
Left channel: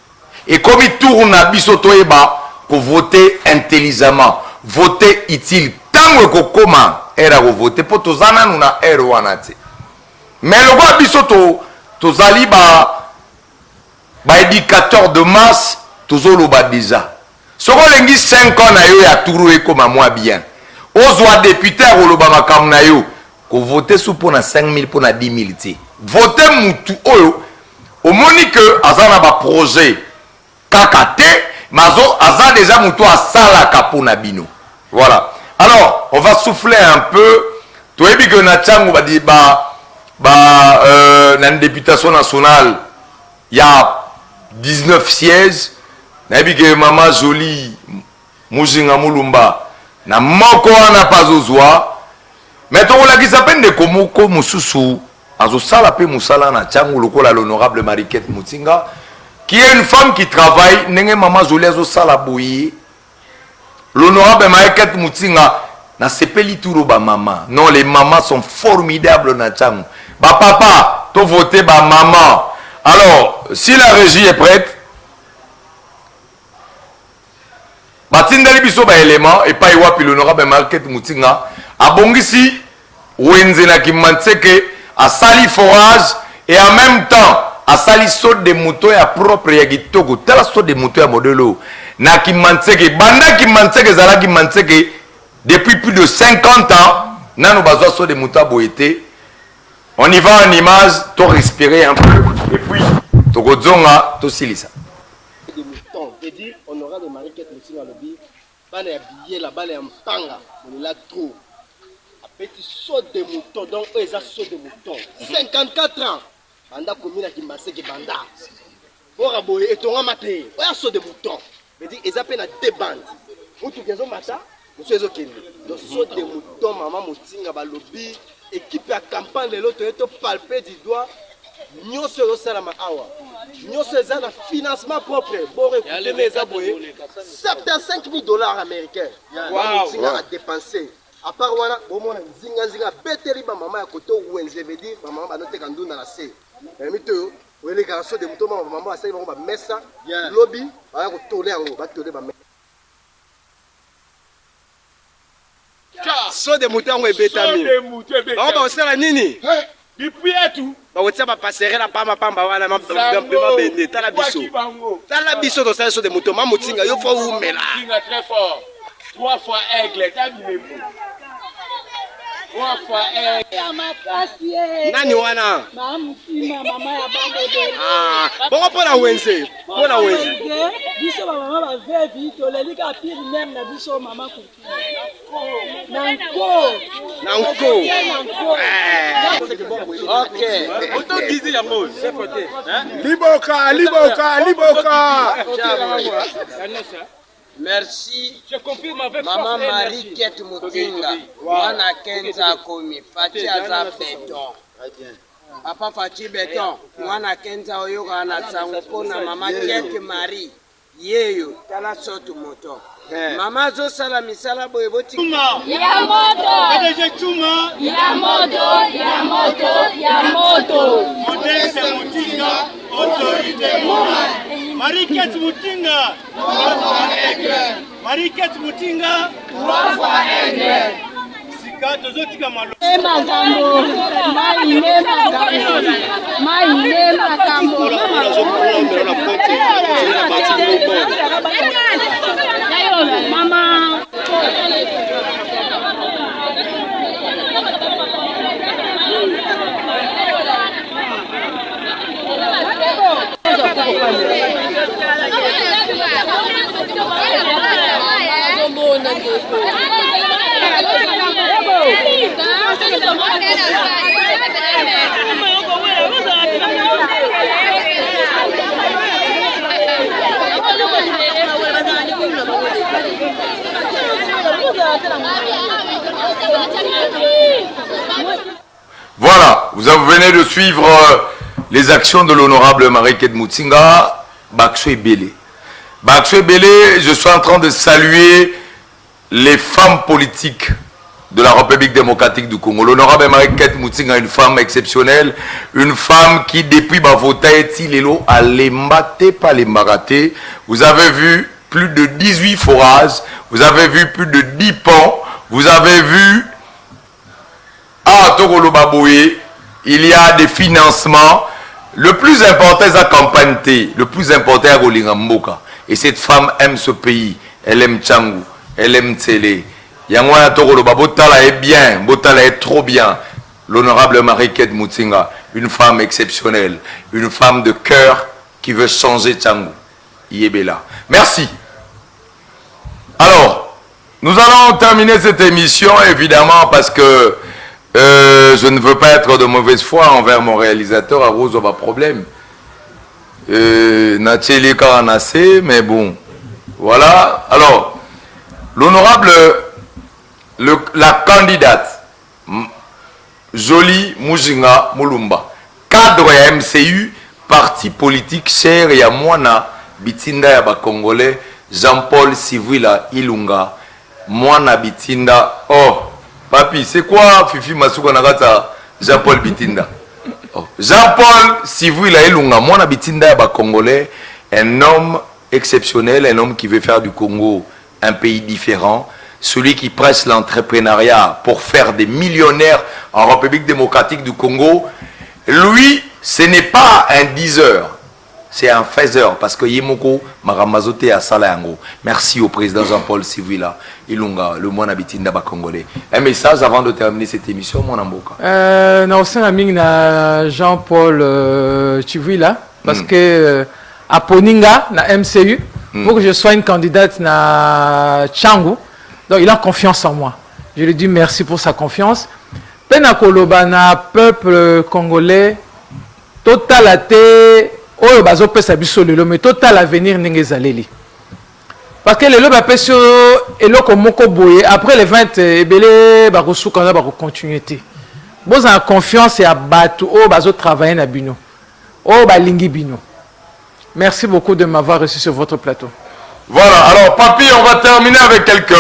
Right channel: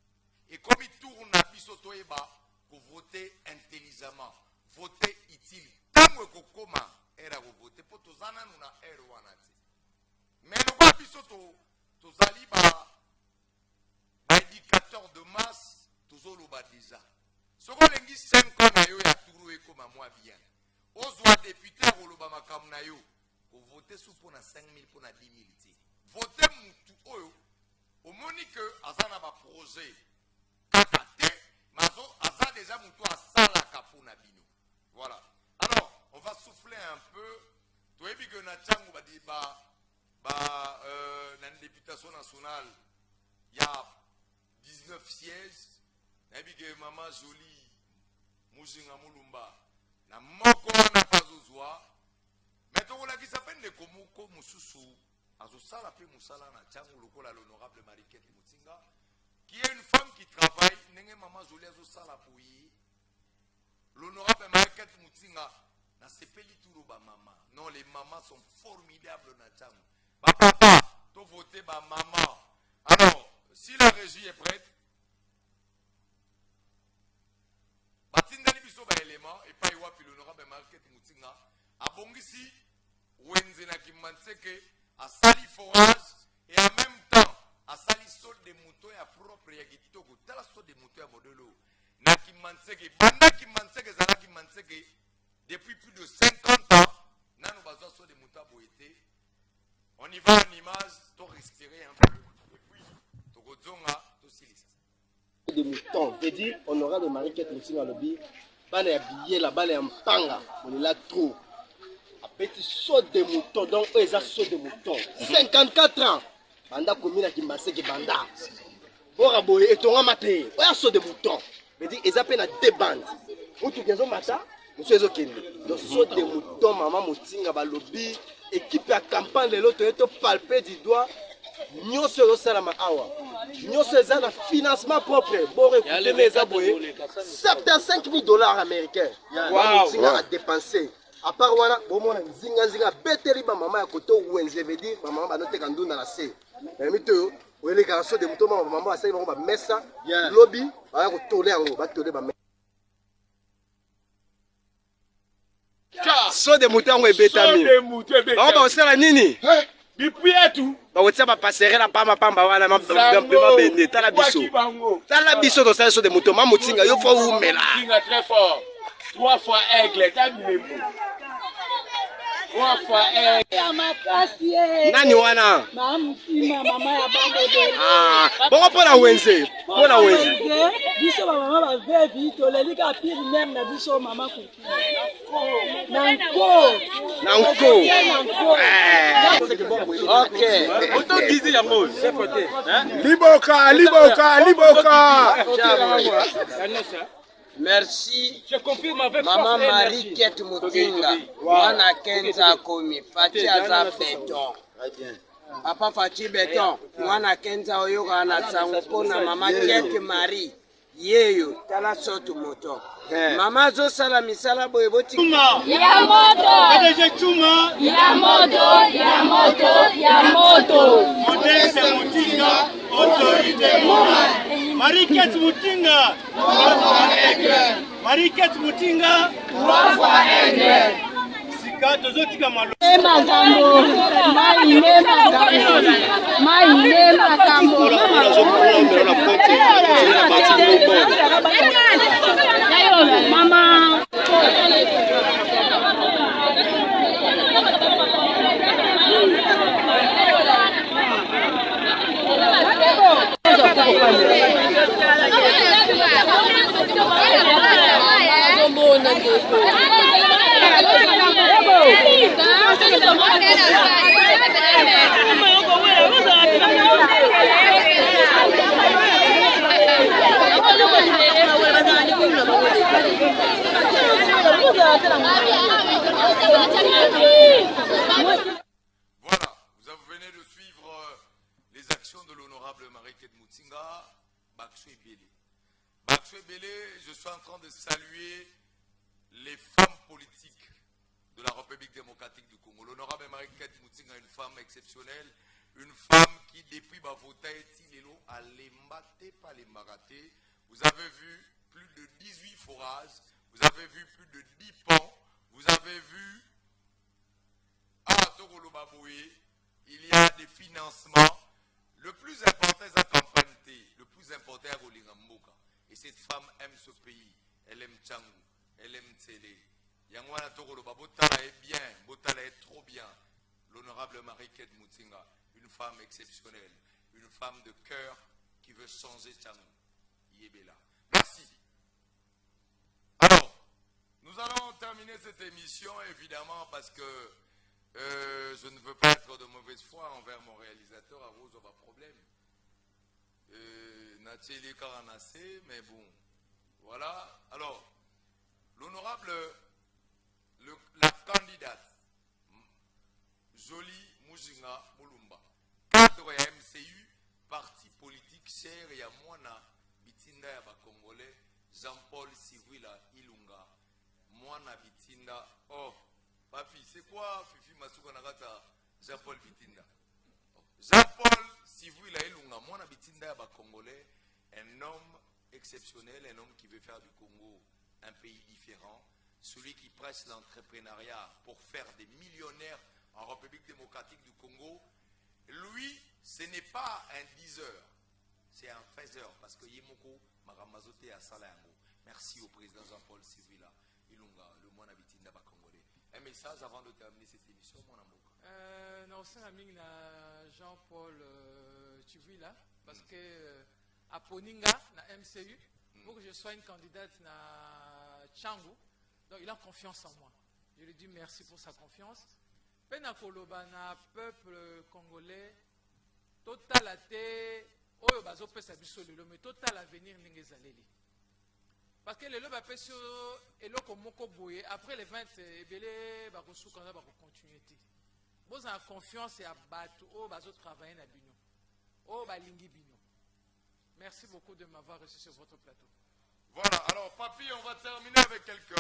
Et comme il tourne à biso toyeba pour voter intelligemment, voter utile. Tango ko koma era ko voter pour tozana nuna ero wanate. Mais le roi biso to tozali ba éducateur de masse tozoloba déjà soko lengi 5 ans na yo ya turu ekoma mwa bien ozwa député oloba makambo na yo ko voter sous pour na 5000 pour na 10000 ti voter mutu oyo omoni que azana ba projet kaka te mazo aza déjà mutu asala kapuna bino. Voilà. Alors, on va souffler un peu. Tu as vu que Natchango va dire dans une députation nationale, il y a 19 sièges. Tu as vu que Maman Jolie, Mouzinga Moulumba, na moko wana pas ozwa. Mais tu as vu que de Komoko Moussousou, Azo Salape Moussala Natchango, l'honorable Mariquette Moutinga, qui est une femme qui travaille, Nenge Maman Jolie Azo Salaboye. L'honorable Mariquette Moutinga, na sepeli turo ba maman. Non, les mamans sont formidables na Tchango. Ba papa, to voté ba maman. Alors, si la régie est prête, batindali biso ba élément et pas iwapi l'honorable Mariquette Moutinga abongisi wenze na kimanseke a sali forage et en même temps a sali saut de moto ya propre ya kitoko tala saut de moto ya modelo na kimanseke banda kimanseke zala kimanseke depuis plus de 50 ans nano bazwa saut de moto boité. On y va en image, to respirer un peu et puis to godzonga to silisa de mouton veut dire honorable Mariquette Moutinga lobby bana ya billet la bana ya mpanga on est là trop a petit saut de mouton donc eux ça saut de mouton 54 ans banda komina kimbaseke banda bora boye etonga maté oya saut de mouton veut dire ils appellent à deux bandes mutu kenzo mata monsieur ezo kende donc saut de mouton maman Moutinga ba lobby équipe à campagne de l'autre to palper du doigt nyonso yosalama awa nyonso eza na financement propre bore écouter eza boye 75 000 dollars américains Moutinga a dépensé à part wana bomona nzinga beteli ba mama ya koto wenze veut dire ba mama banoteka ndunda na se mito oyele garçon de muto mama mama asali bango ba mesa lobby ba ko tole yango ba tole ba so de muto yango ebetami ba ba osala nini depuis tout ba wotia ba passerelle la pamba pamba wana ma bende tala biso to sala so de muto mama Moutinga yo fo umela Moutinga très fort 3 fois aigle tabi 3 fois aigle nani wana mama Moutinga mama ya bande bongo pona wenze biso ba mama ba vevi to lelika pire même na biso mama Moutinga nanko ok auto gizi ya mose c'est côté liboka Merci. Je confirme avec Maman Mariquette Moutinga. Wana Kenza Komi. Fati Aza Béton. Papa Fati Béton. Wana Kenza Oyoga na Sangopona. Maman Kete Marie. Yeyo. Tala sotu moto. Mama zo sala misala boye boti. Ya moto. Modeste Moutinga. Autorité morale. Mariquette Moutinga. 3 fois aigle. Mariquette Moutinga. 3 fois aigle. Sika tozotika malo. Mama. Voilà, vous venez de suivre les actions de l'honorable Mariquette Moutinga, Bakso Ebele. Bakso Ebele, je suis en train de saluer les femmes politiques de la République démocratique du Congo. L'honorable Mariquette Moutinga, une femme exceptionnelle, une femme qui depuis Bavotaeti Lelo a l'embaté, pas l'embaraté. Vous avez vu plus de 18 forages, vous avez vu plus de 10 ponts, vous avez vu à Togolo Baboué, il y a des financements. Le plus important, c'est la campagne. Wante, le plus important est Rolingamboka. Et cette femme aime ce pays. Elle aime Tchangou. Elle aime Tsele. Yangwana Tokoloba, Botala est bien. Botala est trop bien. L'honorable Marie-Kate Mutinga, une femme exceptionnelle. Une femme de cœur qui veut changer Tchangou. Yébela. Merci. Alors, nous allons terminer cette émission, évidemment, parce que je ne veux pas être de mauvaise foi envers mon réalisateur, à Rose, pas problème. Nathalie Karanase, mais bon, voilà. Alors, l'honorable, la candidate, Jolie Mujinga Mulumba, cadre MCU, parti politique cher et à Moana, Bitinda Yaba Congolais, Jean-Paul Sivila Ilunga, Moana Bitinda, oh, papi, c'est quoi Fifi Masuka Nagata, Jean-Paul Bitinda? Oh. Jean-Paul Sivila Ilunga, Moana Bitinda Yaba Congolais, un homme exceptionnel, un homme qui veut faire du Congo un pays différent, celui qui presse l'entrepreneuriat pour faire des millionnaires en République démocratique du Congo. Lui, ce n'est pas un diseur, c'est un faiseur, parce que Yemoko Maramazote à Salayango. Merci au président Jean-Paul Sivila Ilunga, le moine habitinda Congolais. Un message avant de terminer cette émission, mon amboka. Jean-Paul Sivila, parce que à Poninga, na MCU, pour que je sois une candidate na Tchangou, donc il a confiance en moi. Je lui dis merci pour sa confiance. Penakoloba na peuple congolais, total athée. Oh, bazo pesa biso lelo mais total avenir n'engezaleli. Parce que lelo ba peso eloko moko boye après les 20 ebele ba kosuka na ba continuité. Boza en confiance et à batu oh bazo travailler na bino. Oh ba lingi bino. Merci beaucoup de m'avoir reçu sur votre plateau. Voilà, alors papi, on va terminer avec quelques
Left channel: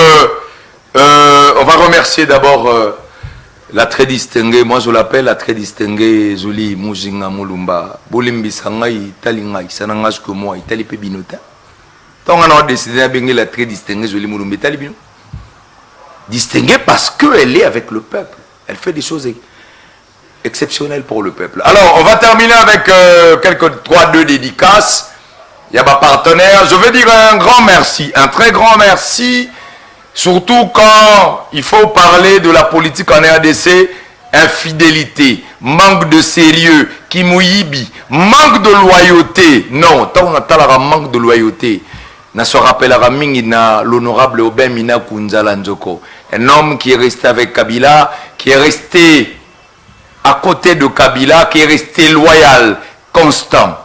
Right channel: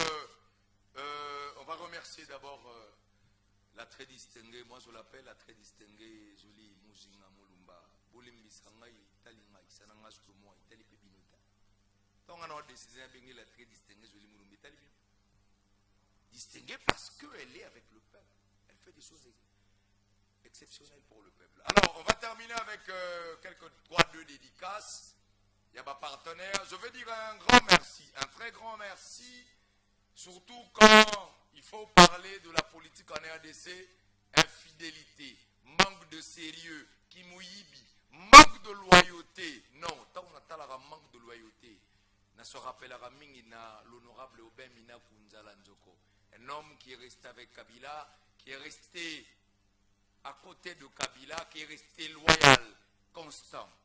on va remercier d'abord la très distinguée, moi je l'appelle la très distinguée Jolie Mujinga Mulumba. Bolimbi Sangai, Talingai, Sanangas que moi, Itali Pebinota. Tant on a décidé de bien la très distinguée Jolie Mulumba, Talibino. Distinguée parce qu'elle est avec le peuple. Elle fait des choses exceptionnelles pour le peuple. Alors, on va terminer avec quelques 3-2 dédicaces. Il y a ma partenaire. Je veux dire un grand merci, un très grand merci. Surtout quand il faut parler de la politique en RDC, infidélité, manque de sérieux, kimouyibi, manque de loyauté. Non, tant on a manque de loyauté. On se rappellera l'honorable Aubin Mina Kunzala Nzoko. Un homme qui est resté avec Kabila, qui est resté à côté de Kabila, qui est resté loyal, constant.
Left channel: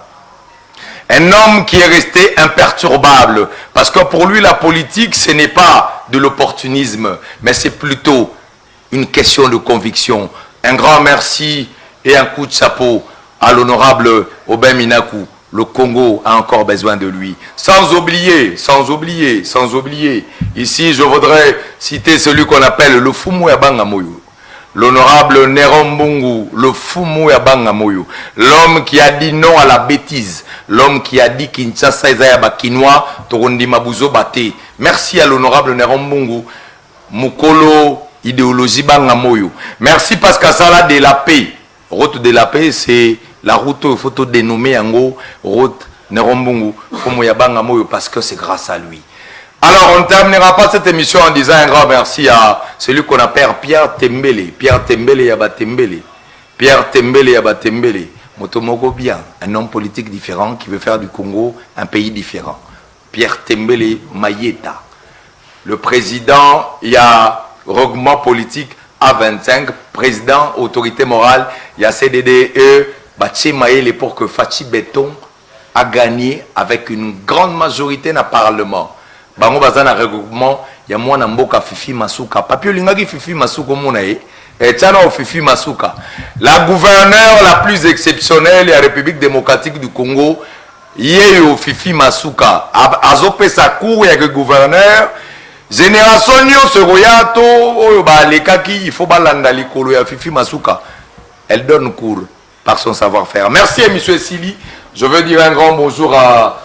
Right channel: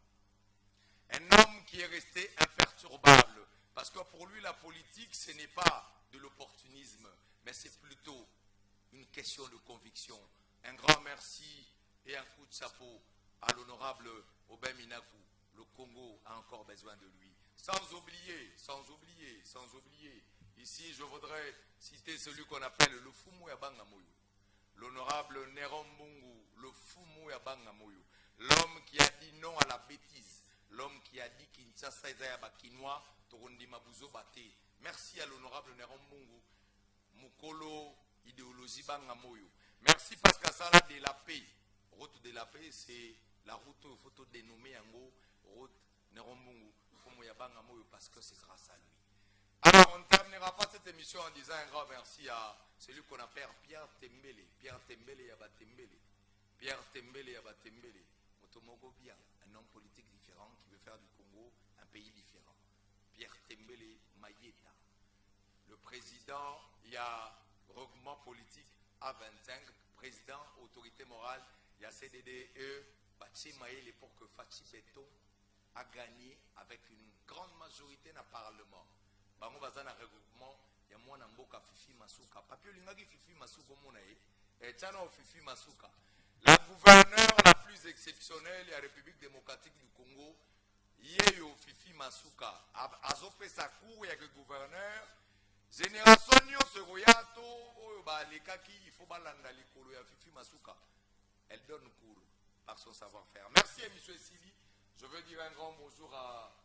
Un homme qui est resté imperturbable. Parce que pour lui, la politique, ce n'est pas de l'opportunisme, mais c'est plutôt une question de conviction. Un grand merci et un coup de chapeau à l'honorable Aubin Minakou. Le Congo a encore besoin de lui. Sans oublier, ici je voudrais citer celui qu'on appelle le Fumu Yabanga Moyo. L'honorable Néron Mbungu, le Fumu Yabanga Moyo. L'homme qui a dit non à la bêtise. L'homme qui a dit Kinshasa Ezayaba Kinois, Torondi Mabuzo Bate. Merci à l'honorable Néron Mbungu. Mukolo idéologie Banga Moyo. Merci Pascal Sala de la paix. Route de la paix, c'est la route, il faut dénommer en gros, route Néron Mbungu, Fumu Yabanga Moyo, parce que c'est grâce à lui. Alors, on ne terminera pas cette émission en disant un grand merci à celui qu'on appelle Pierre Tembele. Pierre Tembele Yaba Tembele. Pierre Tembele Yaba Tembele. Motomoko bien, un homme politique différent qui veut faire du Congo un pays différent. Pierre Tembele Mayeta. Le président, il y a regroupement politique A25, président, autorité morale, il y a CDDE, Baché Maële pour que Fachi Béton a gagné avec une grande majorité dans le Parlement. Bango bazana regroupement, il y a moi Namboka Fifi Masuka. Papio Lingaki Fifi Masuka Monae. Et Tchano Fifi Masuka. La gouverneure la plus exceptionnelle de la République démocratique du Congo, Yéyo Fifi Masuka. Azope sa cour, il y a que gouverneur. Génération Nyo Seroyato, il faut balanda likolo ya Fifi Masuka. Elle donne cours par son savoir-faire. Merci à M. Sili. Je veux dire un grand bonjour à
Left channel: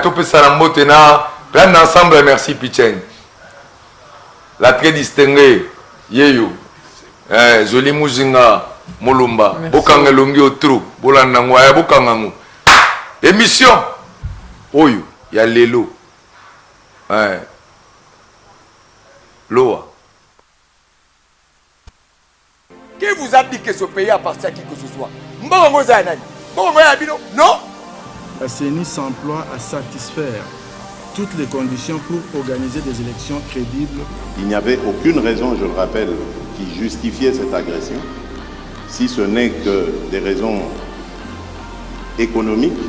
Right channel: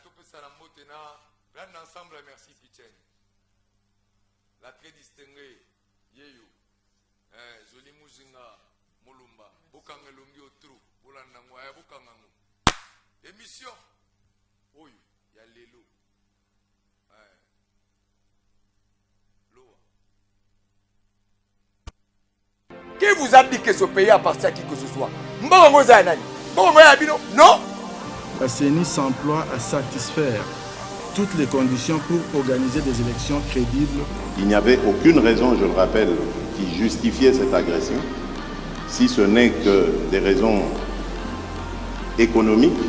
Topé Salamotena. Plein d'ensemble, merci Pichen. La très distinguée, Yeyo, Jolie Mujinga, Mulumba, Bokanga Longi au trou, Bolanangwa, Bokangangu. émission oyo ya lelo Loa. Qui vous a dit que ce pays appartient à qui que ce soit? Mbongo Zanani. Mbongo Yabino? Non. La CENI s'emploie à satisfaire toutes les conditions pour organiser des élections crédibles. Il n'y avait aucune raison, je le rappelle, qui justifiait cette agression, si ce n'est que des raisons économiques,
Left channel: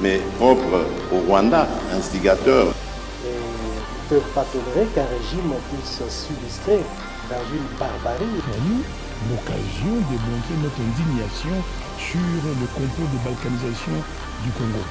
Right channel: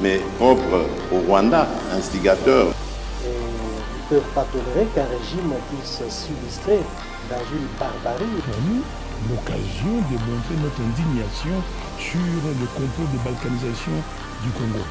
mais propres au Rwanda, instigateur. Ils ne peuvent pas tolérer qu'un régime puisse s'illustrer dans une barbarie. Pour nous, l'occasion de montrer notre indignation sur le complot de balkanisation du Congo.